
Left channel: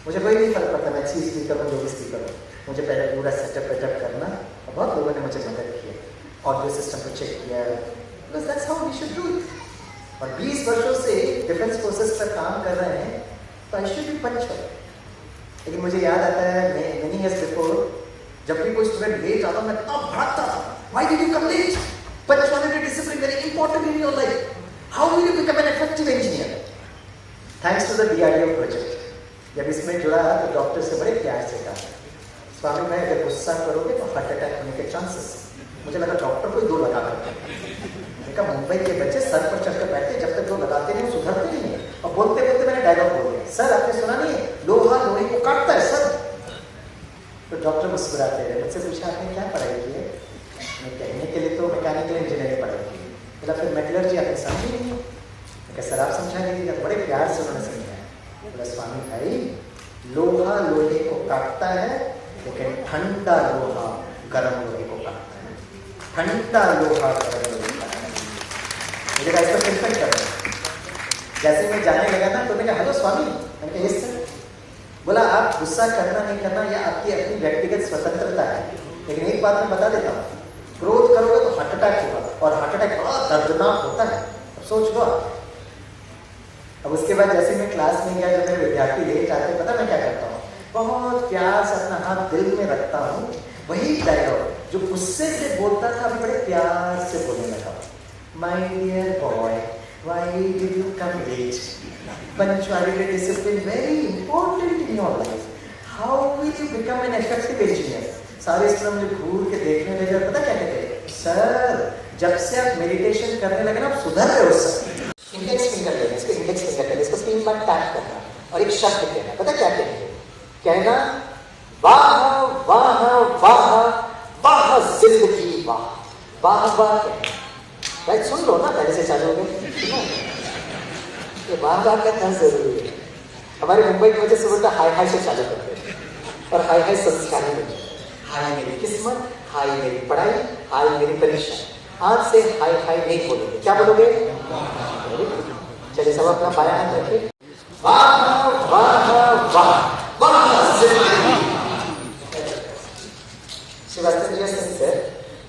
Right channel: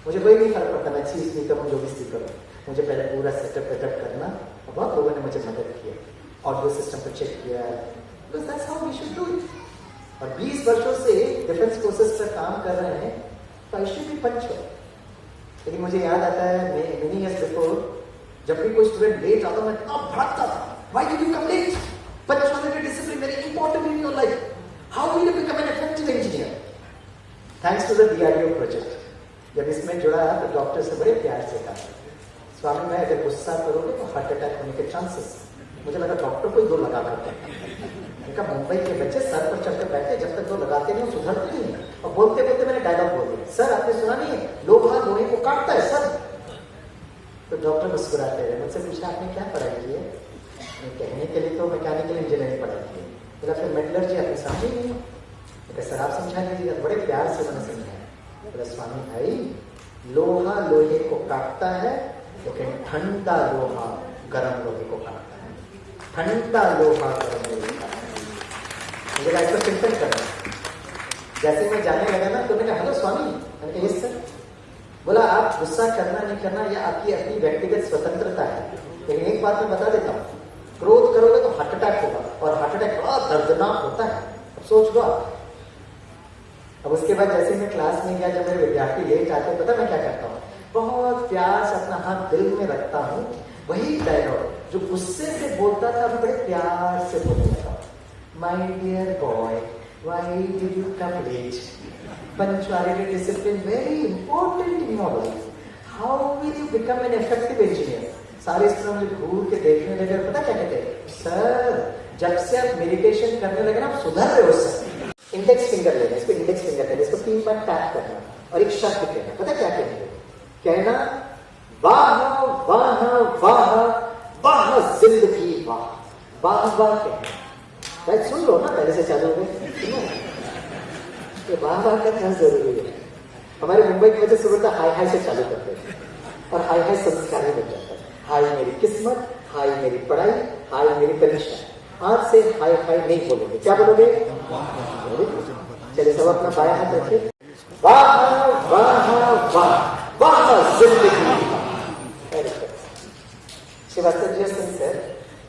मुझे कोई नहीं फर्क पड़ता, मैं अच्छी स्पीकर हूँ, जो भी स्पीकर हूँ। मुझे पहले पूरा सेटअप करना, और बहुत लोगों ने मुझे मदद किया, ऑडियो सिस्टम को चेक किया। Because that's how we should do it. और 20 वर्षों से डिफेंस फोर्सेस पर काम कर रहे हैं, तो आई शुड बी पंक्चुअल। लेकिन मुझे याद आता है मेनी इयर्स बिफोर, जब भी कोई स्टूडेंट लेट आता मैं तब भड़कता था, why did you come late? Punctuality, discipline very important in your life. How will you become an effective engineer? Thanks to the DRDO project. जब इसमें जुड़ा तो डॉक्टर से बड़े प्यार से कहा, स्वामी भाई अगर गुस्सा करोगे तो हार्ट अटैक होने के चांसेस। मुझे लगा डॉक्टर को 2 लगा कर, मुंबई के बच्चे सर पर चढ़कर बैठे, जब तक 2 लगाते नहीं सुधरते नहीं है। और बोलते बोलते मैंने डायलॉग बोल दिया, सर आपने सुना नहीं है, लोहा लोहे को काटता है सर। तो डॉक्टर मुस्कुराते रहे, मुझसे पूछा आपने क्या पढ़ाई की है? कहने के लिए तो मैकेनिकल इंजीनियरिंग पढ़ाई की है। फिर मेटलर्जी आपने समझी नहीं? सर आप समझा लीजिएगा, बड़े प्यार से उन्होंने समझाया। बोला स्वामी भाई, लोहा लोहे को काटता है, लेकिन ठंडा लोहा गर्म लोहे को काटता है। ठंडा लोहा गर्म लोहे को काटता है। मुझे ऐसा चिंतन करना, जैसे मैं जाने लगा ना तो मैंने हेलो स्वामी, मैंने कहा यस सर। बोला आप गुस्सा करना नहीं करना ये आपकी अपनी व्यक्तिगत स्वतंत्रता है, लेकिन एक बात मैं बता देता हूँ, क्रोध करोगे तो हार्ट अटैक होगा, और हार्ट अटैक बड़ा दर्दनाक होता है। अब सोच लो आप। अब उसके बाद जैसे मैं क्लास में गया, जब मैं विद्यार्थी लेट आते हैं, पता मैं क्या करता हूँ, बहुत प्यार से अपना हाथ दिल में रखता हूँ, वही डायलॉग जो गुस्से से बोलता था अभी बड़े प्यार से बोलने लगा। My dear boy, why did you come late? Punctuality, discipline, very important in your life. How will you become an effective engineer? सारे स्टूडेंट मुझे घूर के देखने लगे, पता क्या कहते हैं, सर जब से आप मेडिटेशन करने लगे ना आप सुधर रहे हो सर। इंडेक्स फिंगर लेना, इसको इंडेक्स फिंगर करना, इसको 3 बार टैप करना और एक शब्द कहना। पता क्या कहेंगे? कहना वाह वाह वाह वाह जिंदगी वाह वाह वाह कहना। भाई सुन लो ना, पहले से चालू हो गए। ये बार बार करना जरूरी है। हमारे मुंबई की वजह से बोलता हाय हाय से चालू करते हैं, और हाय हाय संस्कारी बन जाता है। हाय मेरी किस्मत, हाय मेरी पढ़ाई, हाय मेरी परीक्षा। आज से हाय हाय नहीं बोलोगे, क्या बोलोगे? चलिए सब अपना बायां हाथ रखे। वाह वाह वाह वाह जिंदगी।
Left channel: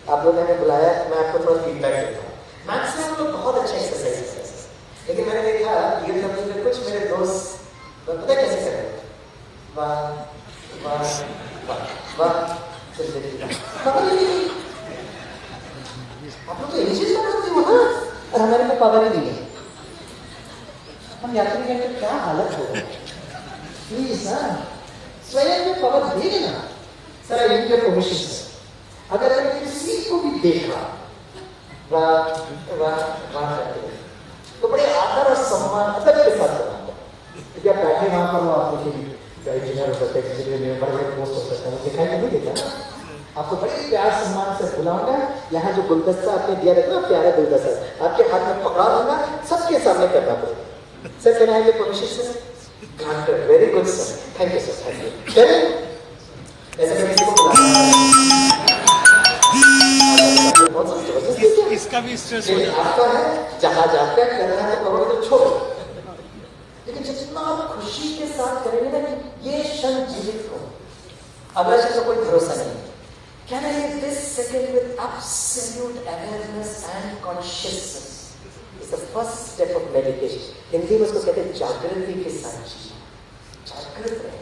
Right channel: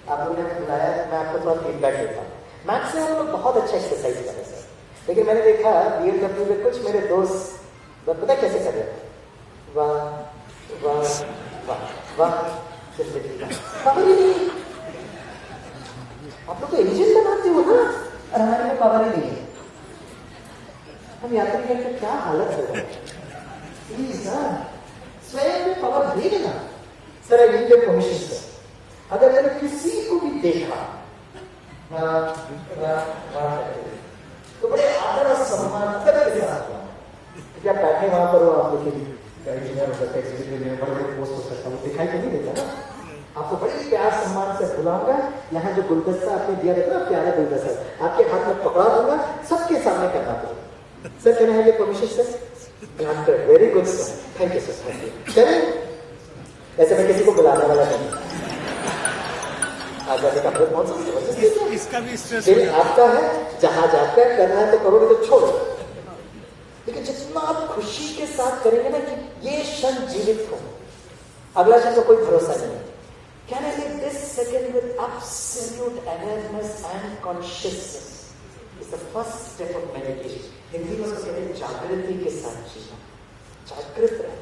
आप लोगों ने बुलाया, मैं आपको थोड़ा फीडबैक देता हूँ। मैथ्स में हम लोग बहुत अच्छा एक्सरसाइज करते हैं, लेकिन मैंने देखा ये करने में कुछ मेरे दोस्त पता कैसे कर रहे हैं, वाह वाह वाह। आप तो इंग्लिश में पढ़ते हो ना, और हमारे में पावर ही नहीं है। हम यात्री में तो क्या हालत होगा। प्लीज सर स्वयं में पावर देंगे ना सर। इनके परमिशन से अगर मैंने किसी को भी देखा वाह वाह वाह तो बड़े आदर और सम्मान तक के साथ क्या बैठे वहां पर आप इंजीनियर हो सकते हैं, बड़े पोस्ट हो सकता है, दिखाई नहीं देता ना। आपको बड़े प्यार सम्मान से बुलाऊंगा, यहाँ जो गुलदस्ता आपने दिया रहता ना, प्यारे गुलदस्ता आपके हाथ में पकड़ा दूंगा, सबके सामने करना पड़ेगा। Sir can I have your permission sir? Granted, very good sir, thank you sir, thank you. चलिए ऐसे मैं किसी को बुलाऊंगा, इसका भी स्ट्रेस आपका है, जहाज आपका करना है तो करोगे तो छोड़ो, लेकिन जितना आप खुशी के साथ करेंगे ना कि ये क्षण जीवित हो, अगला क्षण कोई भरोसा नहीं। Can I live this second with absolute awareness and consciousness? It's the first step of meditation. Hindi में उसको कहते हैं जागृति के साथ। जागृत है,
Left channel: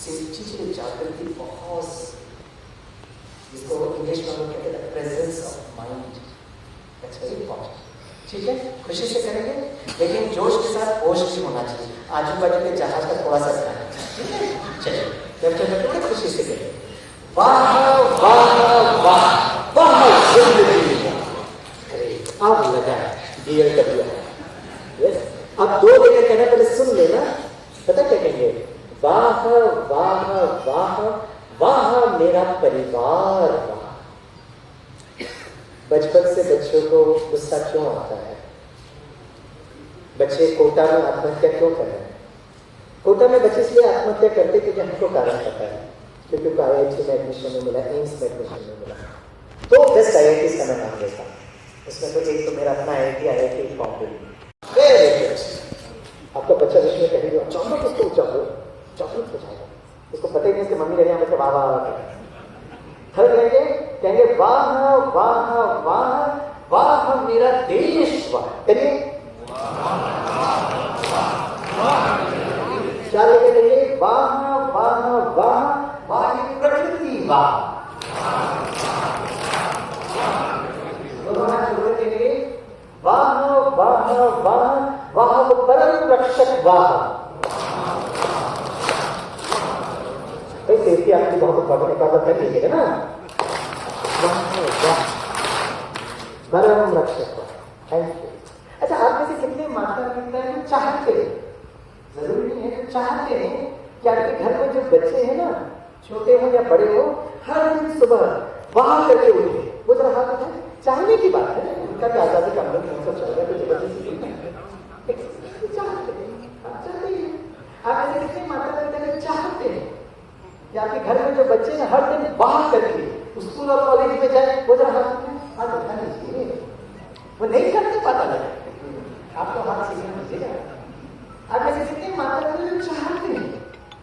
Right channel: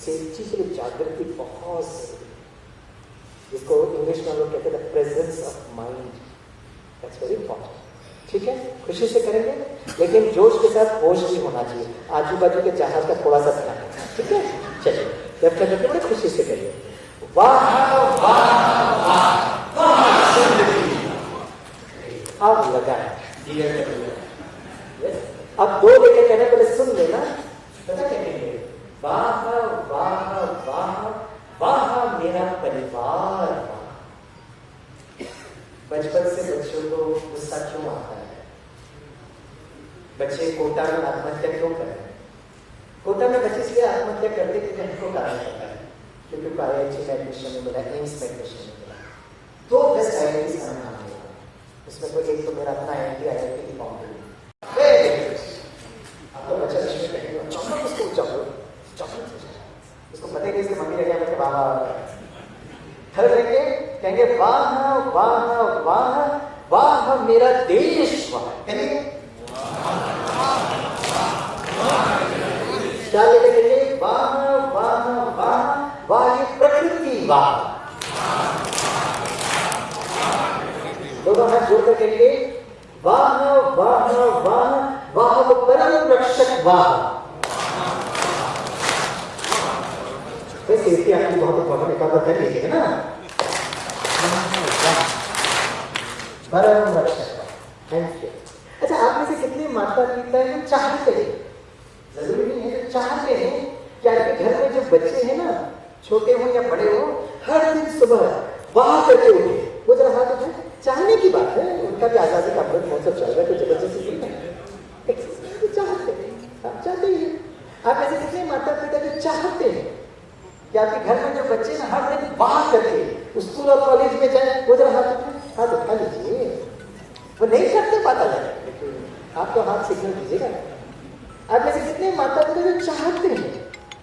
सिद्धि के लिए जागृति बहुत, जिसको इंग्लिश में लोग कहते हैं presence of mind. That's very important. ठीक है, खुशी से करेंगे, लेकिन जोश के साथ होश भी होना चाहिए। आजू बाजू के जहाज का थोड़ा सा करना है, ठीक है। चलिए जब चलते खुशी से करिए। वाह वाह वाह वाह जिंदगी अब लगा डियर कपिल। यस, अब दो लेके कहना, पहले सुन लेना। पता क्या कहेंगे? वाह वाह वाह वाह मेरा परिवार वाह। बचपन से बच्चों को गुस्सा क्यों आता है? बच्चे कोटा में आत्महत्या क्यों कर रहे हैं? कोटा में बच्चे इसलिए आत्महत्या करते क्योंकि हमको कारण पता है, क्योंकि IIT में एडमिशन में मिला, एम्स में एडमिशन में मिला, तो बेस्ट IIT का मैं नाम देता हूँ। इसमें तो एक तो मेरा अपना IIT फॉर्म। आपका बच्चा जिसमें कहेगा चॉकलेट उसको चॉकलेट चॉकलेट पूछा, उसको पता ही नहीं इसकी मम्मी लगे हमारे वाह कहेंगे वाह वाह वाह वाह मेरा देश वाह। क्या लेके कहेंगे? वाह वाह वाह वाह ये प्रकृति वाह। दोनों हाथ जोड़कर कहेंगे वाह वाह वाह वाह परम रक्षक वाह। सेफ्टी आपकी बहुत इंपॉर्टेंट, एक बार कर लीजिएगा ना। परम रक्षक, थैंक यू। अच्छा, आप में से कितने माता पिता हैं चाहते हैं? जरूरी नहीं है चाहते हैं क्या कि घर में जो बच्चे हैं ना, छोटे हो या बड़े हो, हर दिन सुबह वाह करके उठे? वो जरा हाथ उठाए। चाहने की बात है, उनका क्या हाथ है, सब चल रहा है तो जबरदस्ती चाहते हैं, आप चाहते हैं। आप ऐसे कितने माता पिता भी चाहते हैं कि आपके घर में जो बच्चे हैं हर दिन बाहर करेंगे, स्कूल और कॉलेज में जाए, वो जरा हाथ उठा लीजिए, वो नहीं करते पाता है, आप तो हाथ सिग्नल दीजिएगा। आप ऐसे कितने माता पिता जो चाहते हैं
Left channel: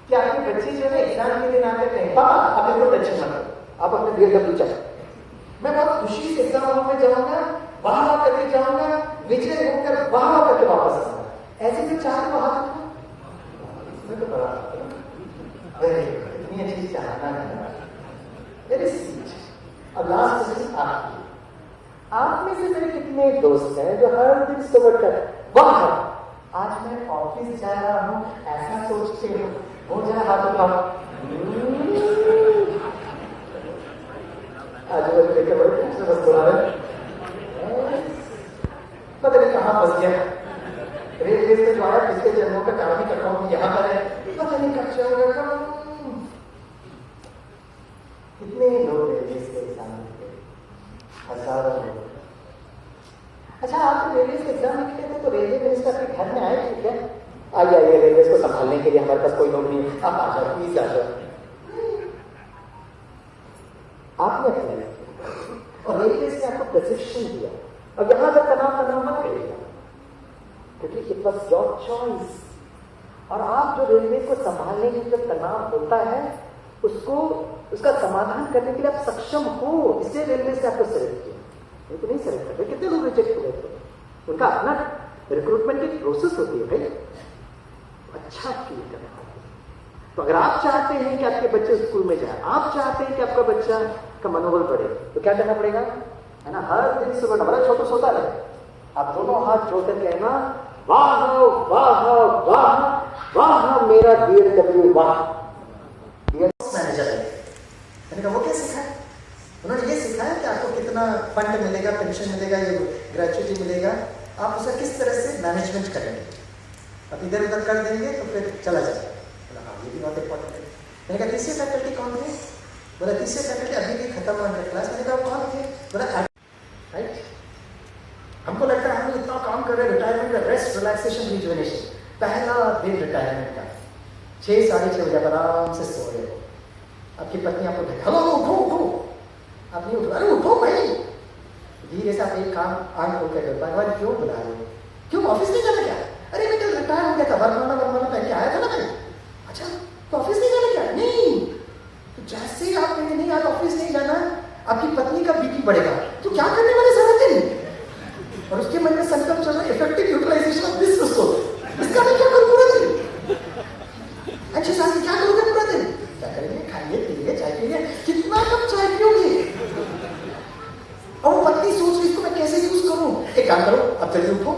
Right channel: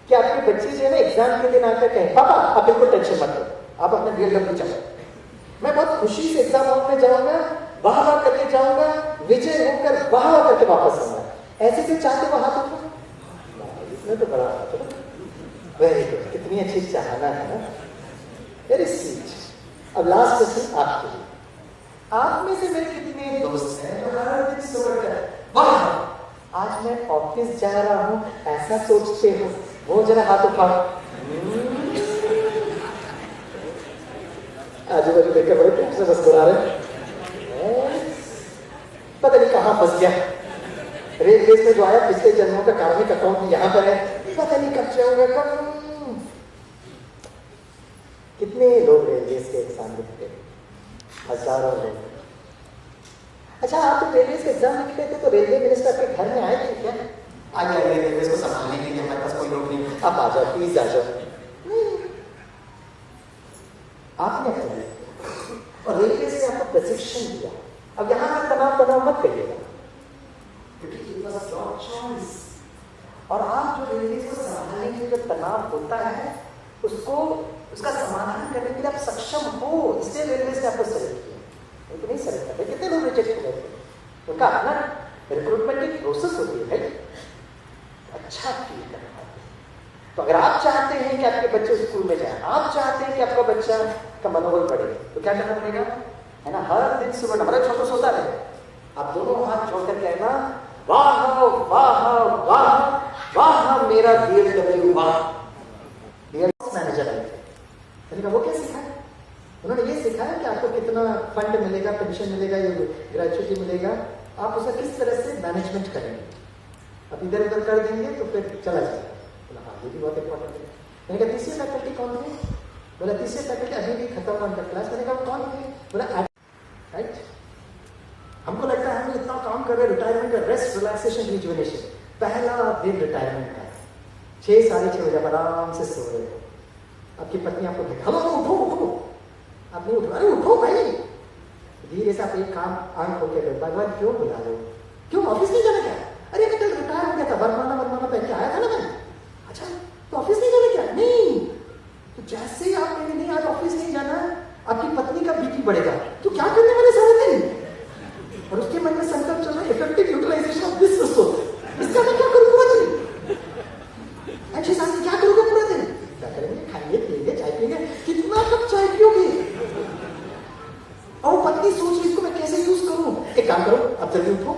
कि आपकी बच्ची जो है एग्जाम के दिन आकर कहें पापा आप बिल्कुल टेंशन मत लो, आप अपने ग्रेड में चलो, मैं बहुत खुशी से एग्जाम हॉल में जाऊंगा, बाहर करके जाऊंगा, विजय होकर बाहर करके वापस आऊंगा। ऐसे से चाहते हो हाथ उठा, मैं तो बड़ा वेरी गुड, कितनी अच्छी चाहना है ना, वेरी स्वीट। अब लास्ट क्वेश्चन आपके, आप में से मेरे कितने दोस्त हैं जो हर दिन सुबह कर वाह आज मैं ऑफिस जा रहा हूं ऐसा सोचते हो, वो जरा हाथ उठाओ। आज बाजू देख के बड़े प्यार से मुस्कुरा रहे, पता नहीं कहाँ फंस गया, रेल रेस में जो आया पिछले जन्मों का कार्मिक अकाउंट यहाँ पर है, पता नहीं कब जाऊंगा कब। कितने लोग रेलवे के एग्जाम लिखते, हजारों लोग। अच्छा आप रेलवे के एग्जाम लिखते थे तो रेलवे मिनिस्टर के घर में आए क्या? आइए आइए रेलवे को संभालने के लिए हमारे पास कोई नौकरी नहीं, आप आ जाओ प्लीज आ जाओ। आपने अप्लाई किया और रेलवे से आपको प्रशिक्षण दिया। अब यहां तक तनाव मत करिएगा क्योंकि इट वाज योर चॉइस। और आप जो रेलवे को संभालने के लिए तनाव होता है उसको उसका समाधान करने के लिए आप सक्षम हो, इसलिए रेलवे से आपको सेलेक्ट किया, नहीं तो नहीं सेलेक्ट करते। कितने लोग रिजेक्ट हो गए थे, उनका अपना रिक्रूटमेंट की प्रोसेस होती है भाई, अच्छा फील करना। तो अगर आप चाहते हैं कि आपके बच्चे स्कूल में जाए, आप चाहते हैं कि आपका बच्चा का मनोबल बढ़े, तो क्या करना पड़ेगा, है ना, हर दिन सुबह हमारा छोटा सोता रहे, आप दोनों हाथ जोड़कर कहना वाह वाह वाह वाह मेरा DFW वाह। मैनेजर है, वो क्या सिखाया, उन्होंने ये सिखाया कि आपको कितना फंड मिलेगा, पेंशन मिलेगा, ये ग्रेचुइटी मिलेगा, आप उसका किस तरह से मैनेजमेंट करेंगे। अब इधर उधर कर देंगे तो फिर चला जाएगा। ये भी बहुत इंपॉर्टेंट है। मैंने कहा तीसरी फैकल्टी कौन थे, बोला तीसरी फैकल्टी अभी भी खत्म हुआ क्लास। मैंने कहा कौन थे, बोला राइट, हमको लगता है हम इतना काम कर रहे हैं, रिटायरमेंट का रेस्ट रिलैक्सेशन रिजुवेनेशन, पहला दिन रिटायरमेंट का 6 साढ़े 6 बजे आराम से सो रहे हो, आपकी पत्नी आपको हेलो उठो उठो, आप नहीं उठो, अरे उठो भाई, धीरे से आप एक काम आंख खोल के भगवान क्यों बुला रहे हो, क्यों ऑफिस नहीं जाना क्या, अरे मैं कल रिटायर हो गया था, वरमाना पहन के आया था ना भाई, अच्छा तो ऑफिस नहीं जाना क्या, नहीं, तो जैसे ही आप कहेंगे नहीं आप ऑफिस नहीं जाना, आपकी पत्नी का बीपी बढ़ेगा, तो क्या करने वाले सारा दिन, और उसके मन में संकल्प चल रहा है effective utilization of this resource, इसका मैं क्या करूं पूरा दिन, अच्छे साहब क्या करोगे पूरा दिन, क्या करेंगे, खाएंगे पिएंगे चाय पिएंगे, कितना कप चाय पियोगे, और वो पत्नी सोच रही इसको मैं कैसे यूज करूं, एक काम करो अब जल्दी उठो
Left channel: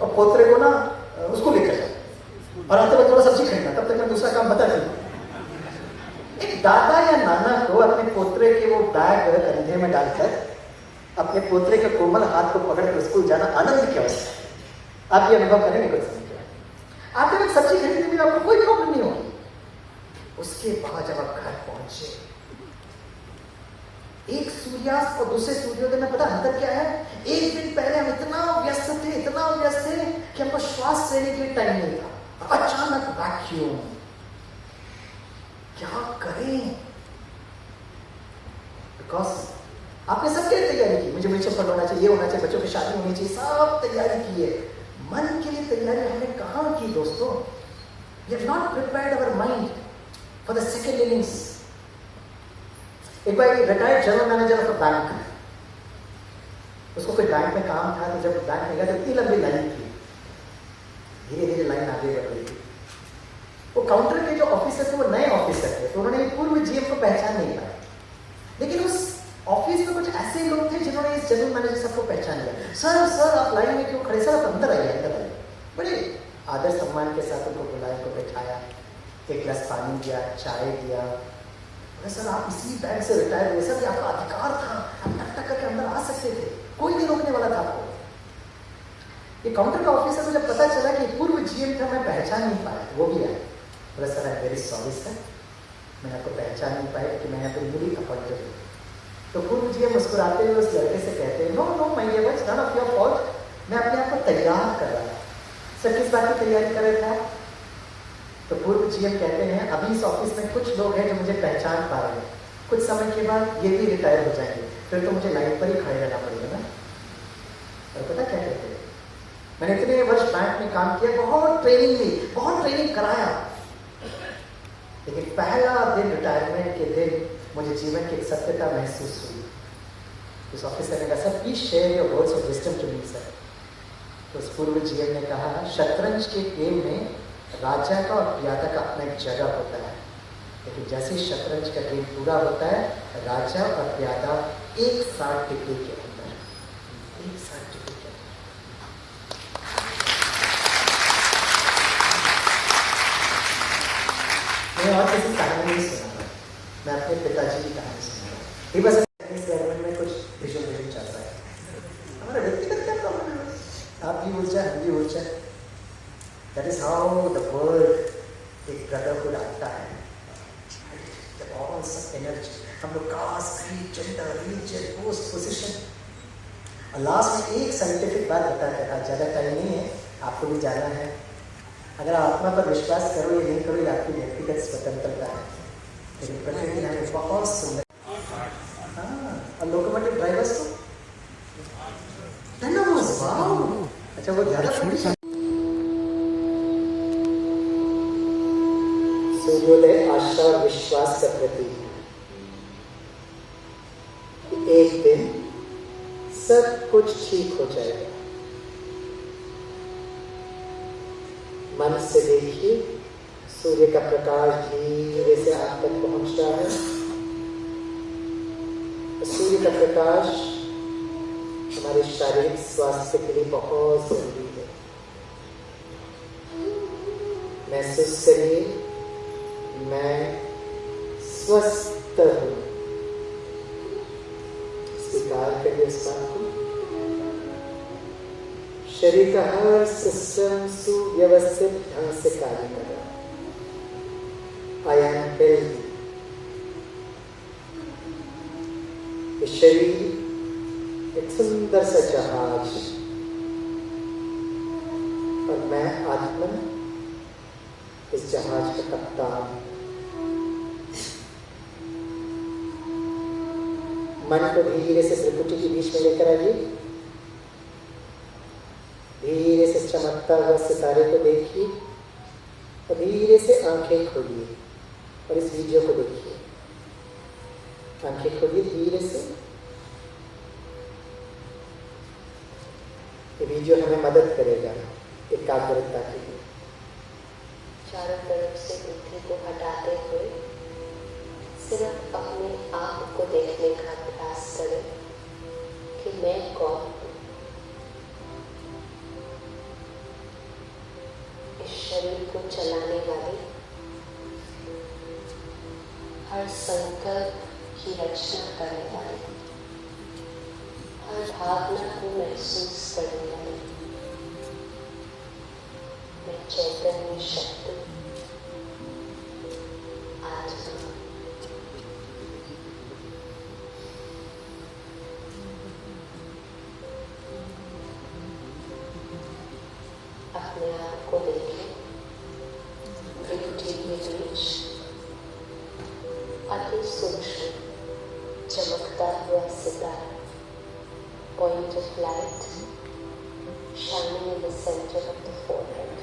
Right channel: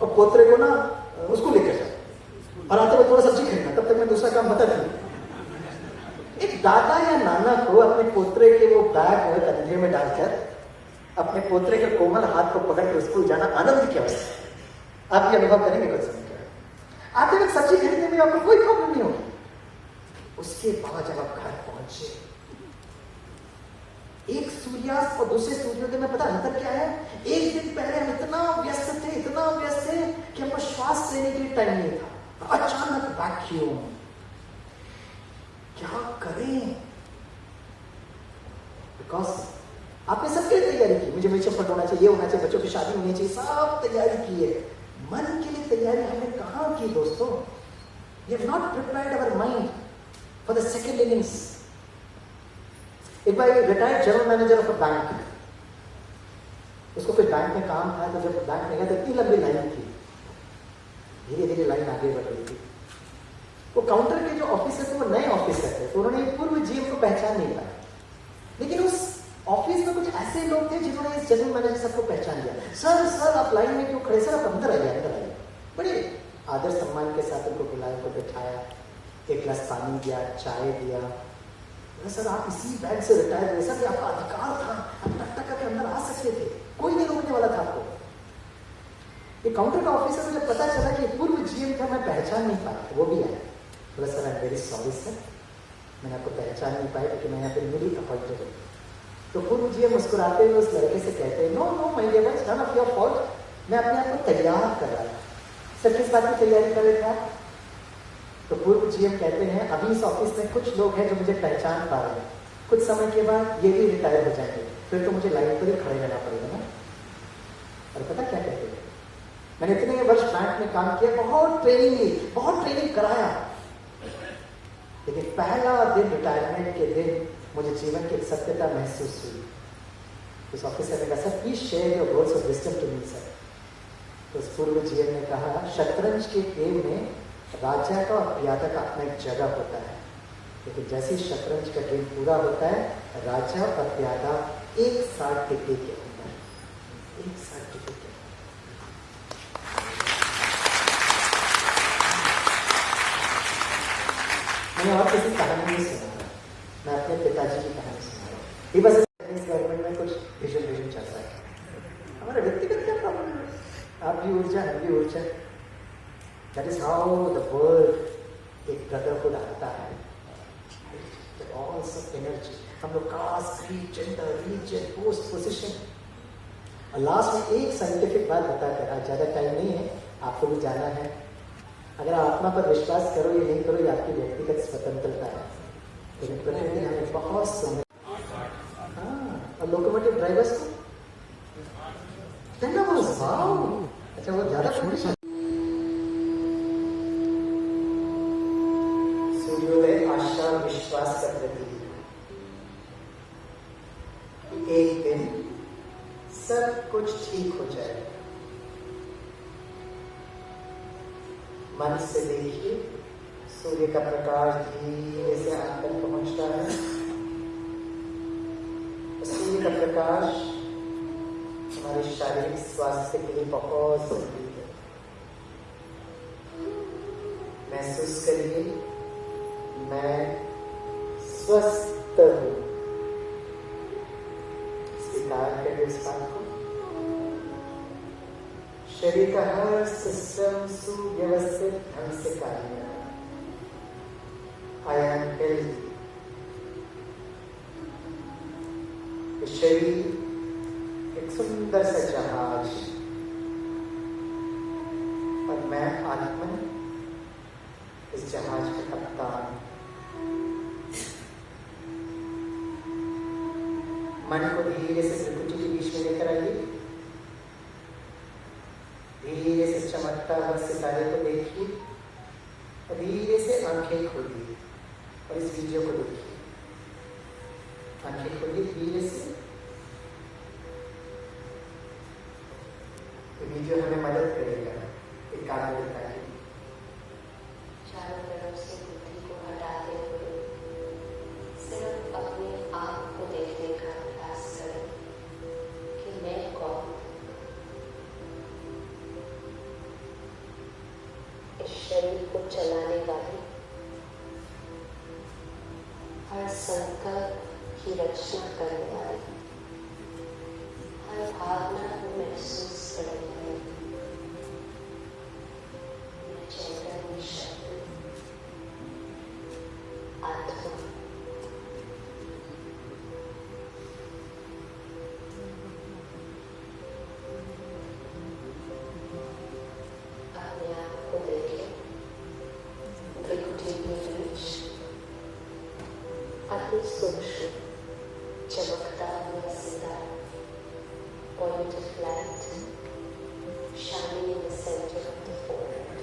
और पोतरे को ना उसको लेकर और आते हुए थोड़ा सब्जी खरीदना, तब तक मैं दूसरा काम बता दूं। एक दादा या नाना को अपने पोतरे के वो बैग कंधे में डालकर अपने पोतरे के कोमल हाथ को पकड़ कर स्कूल जाना आनंद की अवस्था है। आप ये अनुभव करेंगे कुछ समय आते वक्त सब्जी खरीदने में आपको कोई प्रॉब्लम नहीं होगी। उसके बाद जब आप घर पहुंचे, एक सूर्यास्त और दूसरे सूर्योदय में पता अंतर क्या है, एक दिन पहले हम इतना व्यस्त थे कि हमको श्वास लेने के लिए टाइम नहीं था, अचानक वैक्यूम, क्या करें, बिकॉज आपने सबके लिए तैयारी की, मुझे म्यूचुअल फंड होना चाहिए, ये होना चाहिए, बच्चों की शादी होनी चाहिए, सब तैयारी की है, मन के लिए तैयारी हमने कहां की दोस्तों, we have not prepared our mind for the second innings. एक बार retired general manager of bank, उसको कोई बैंक में काम था, तो जब बैंक में गया तो इतनी लंबी लाइन थी, धीरे धीरे लाइन आगे बढ़ रही थी। वो काउंटर के जो ऑफिसर थे वो नए ऑफिसर थे, तो उन्होंने पूर्व जीएम को पहचान नहीं पाया, लेकिन उस ऑफिस में कुछ ऐसे लोग थे जिन्होंने इस जनरल मैनेजर सबको पहचान लिया। सर सर आप लाइन में क्यों खड़े, सर आप अंदर आइए, अंदर आइए। बड़े आदर सम्मान के साथ उनको बुलाया, को बैठाया, एक गिलास पानी दिया, चाय दिया। सर आप इसी बैंक से रिटायर हुए, सर आपका अधिकार था, आप टक टक करके अंदर आ सकते थे, कोई नहीं रोकने वाला था आपको। ये काउंटर का ऑफिसर को जब पता चला कि पूर्व जीएम था, मैं पहचान नहीं पाया, वो भी आया, बोला sir I am very sorry sir, मैंने आपको पहचान नहीं पाया क्योंकि मैंने तो न्यूली अपॉइंटेड हूं। तो पूर्व जीएम मुस्कुराते हुए उस लड़के से कहते हैं no no my dear, it's not your fault, मैं अपने आप को तैयार कर रहा था, सर किस बात की तैयारी कर रहे थे आप? तो पूर्व जीएम कहते हैं अभी इस ऑफिस में कुछ लोग हैं जो मुझे पहचान पा रहे हैं, कुछ समय के बाद ये भी रिटायर हो जाएंगे, फिर तो मुझे लाइन पर ही खड़े रहना पड़ेगा ना। और पता क्या कहते हैं, मैंने इतने वर्ष बैंक में काम किया, बहुत ट्रेनिंग ली, बहुत ट्रेनिंग कराया, लेकिन पहला दिन रिटायरमेंट के दिन मुझे जीवन की एक सत्यता महसूस हुई। उस ऑफिसर ने कहा sir please share your words of wisdom to me sir. तो उस पूर्व जीएम ने कहा शतरंज के गेम में राजा का और प्यादा का अपना एक जगह होता है, लेकिन जैसे ही शतरंज का गेम पूरा होता है राजा और प्यादा एक साथ टिके के अंदर, एक साथ टिके के अंदर। मैं और किसी कहानी नहीं सुना, मैं अपने पिताजी की कहानी सुना। ये बस गवर्नमेंट में कुछ विजन चाहता है, हमारा व्यक्तिगत क्या प्रॉब्लम है, आप भी ऊर्जा हम भी ऊर्जा। That is how the world एक ब्रदरहुड आता है, एनर्जी। हम लोग caste, creed, gender, religion, post, position. Last में एक साइंटिफिक बात बताता है, ज्यादा टाइम नहीं है, आपको भी जाना है। अगर आत्मा पर विश्वास करो या नहीं करो ये आपकी व्यक्तिगत स्वतंत्रता है, लेकिन प्रकृति हमें बहुत सुंदर। और लोकोमोटिव ड्राइवर्स को अच्छा वो ज्यादा सूर्योदय आशा विश्वास का प्रतीक। एक दिन सब कुछ ठीक हो जाएगा। मन से देखिए सूर्य का प्रकाश धीरे से आप तक पहुंच रहा है। सूर्य का प्रकाश हमारे शारीरिक स्वास्थ्य के लिए बहुत जरूरी है। महसूस करिए मैं स्वस्थ हूं, स्वीकार करिए इस बात को। शरीर का हर सिस्टम सुव्यवस्थित ढंग से कार्य कर रहा है। I am healthy. शरीर एक सुंदर सा जहाज और मैं आत्मा इस जहाज का कप्तान। मन को धीरे से त्रिकुटी के बीच में लेकर आइए। धीरे से चमकता हुआ सितारे को देखिए और धीरे से आंखें खोलिए और इस वीडियो को देखिए। आंखें खोलिए धीरे से। ये वीडियो हमें मदद करेगा एकाग्रता के लिए। चारों तरफ से बुद्धि को हटाते हुए सिर्फ अपने आप को देखने का प्रयास करें कि मैं कौन हूँ। इस शरीर को चलाने वाली हर संकल्प की रचना करने वाली, हर भावना को महसूस करने वाली मैं चैतन्य शक्ति आत्मा। अपने आप को देखें त्रिकुटी के बीच अति सूक्ष्म चमकता हुआ सितारा, point of light shining in the center of the forehead.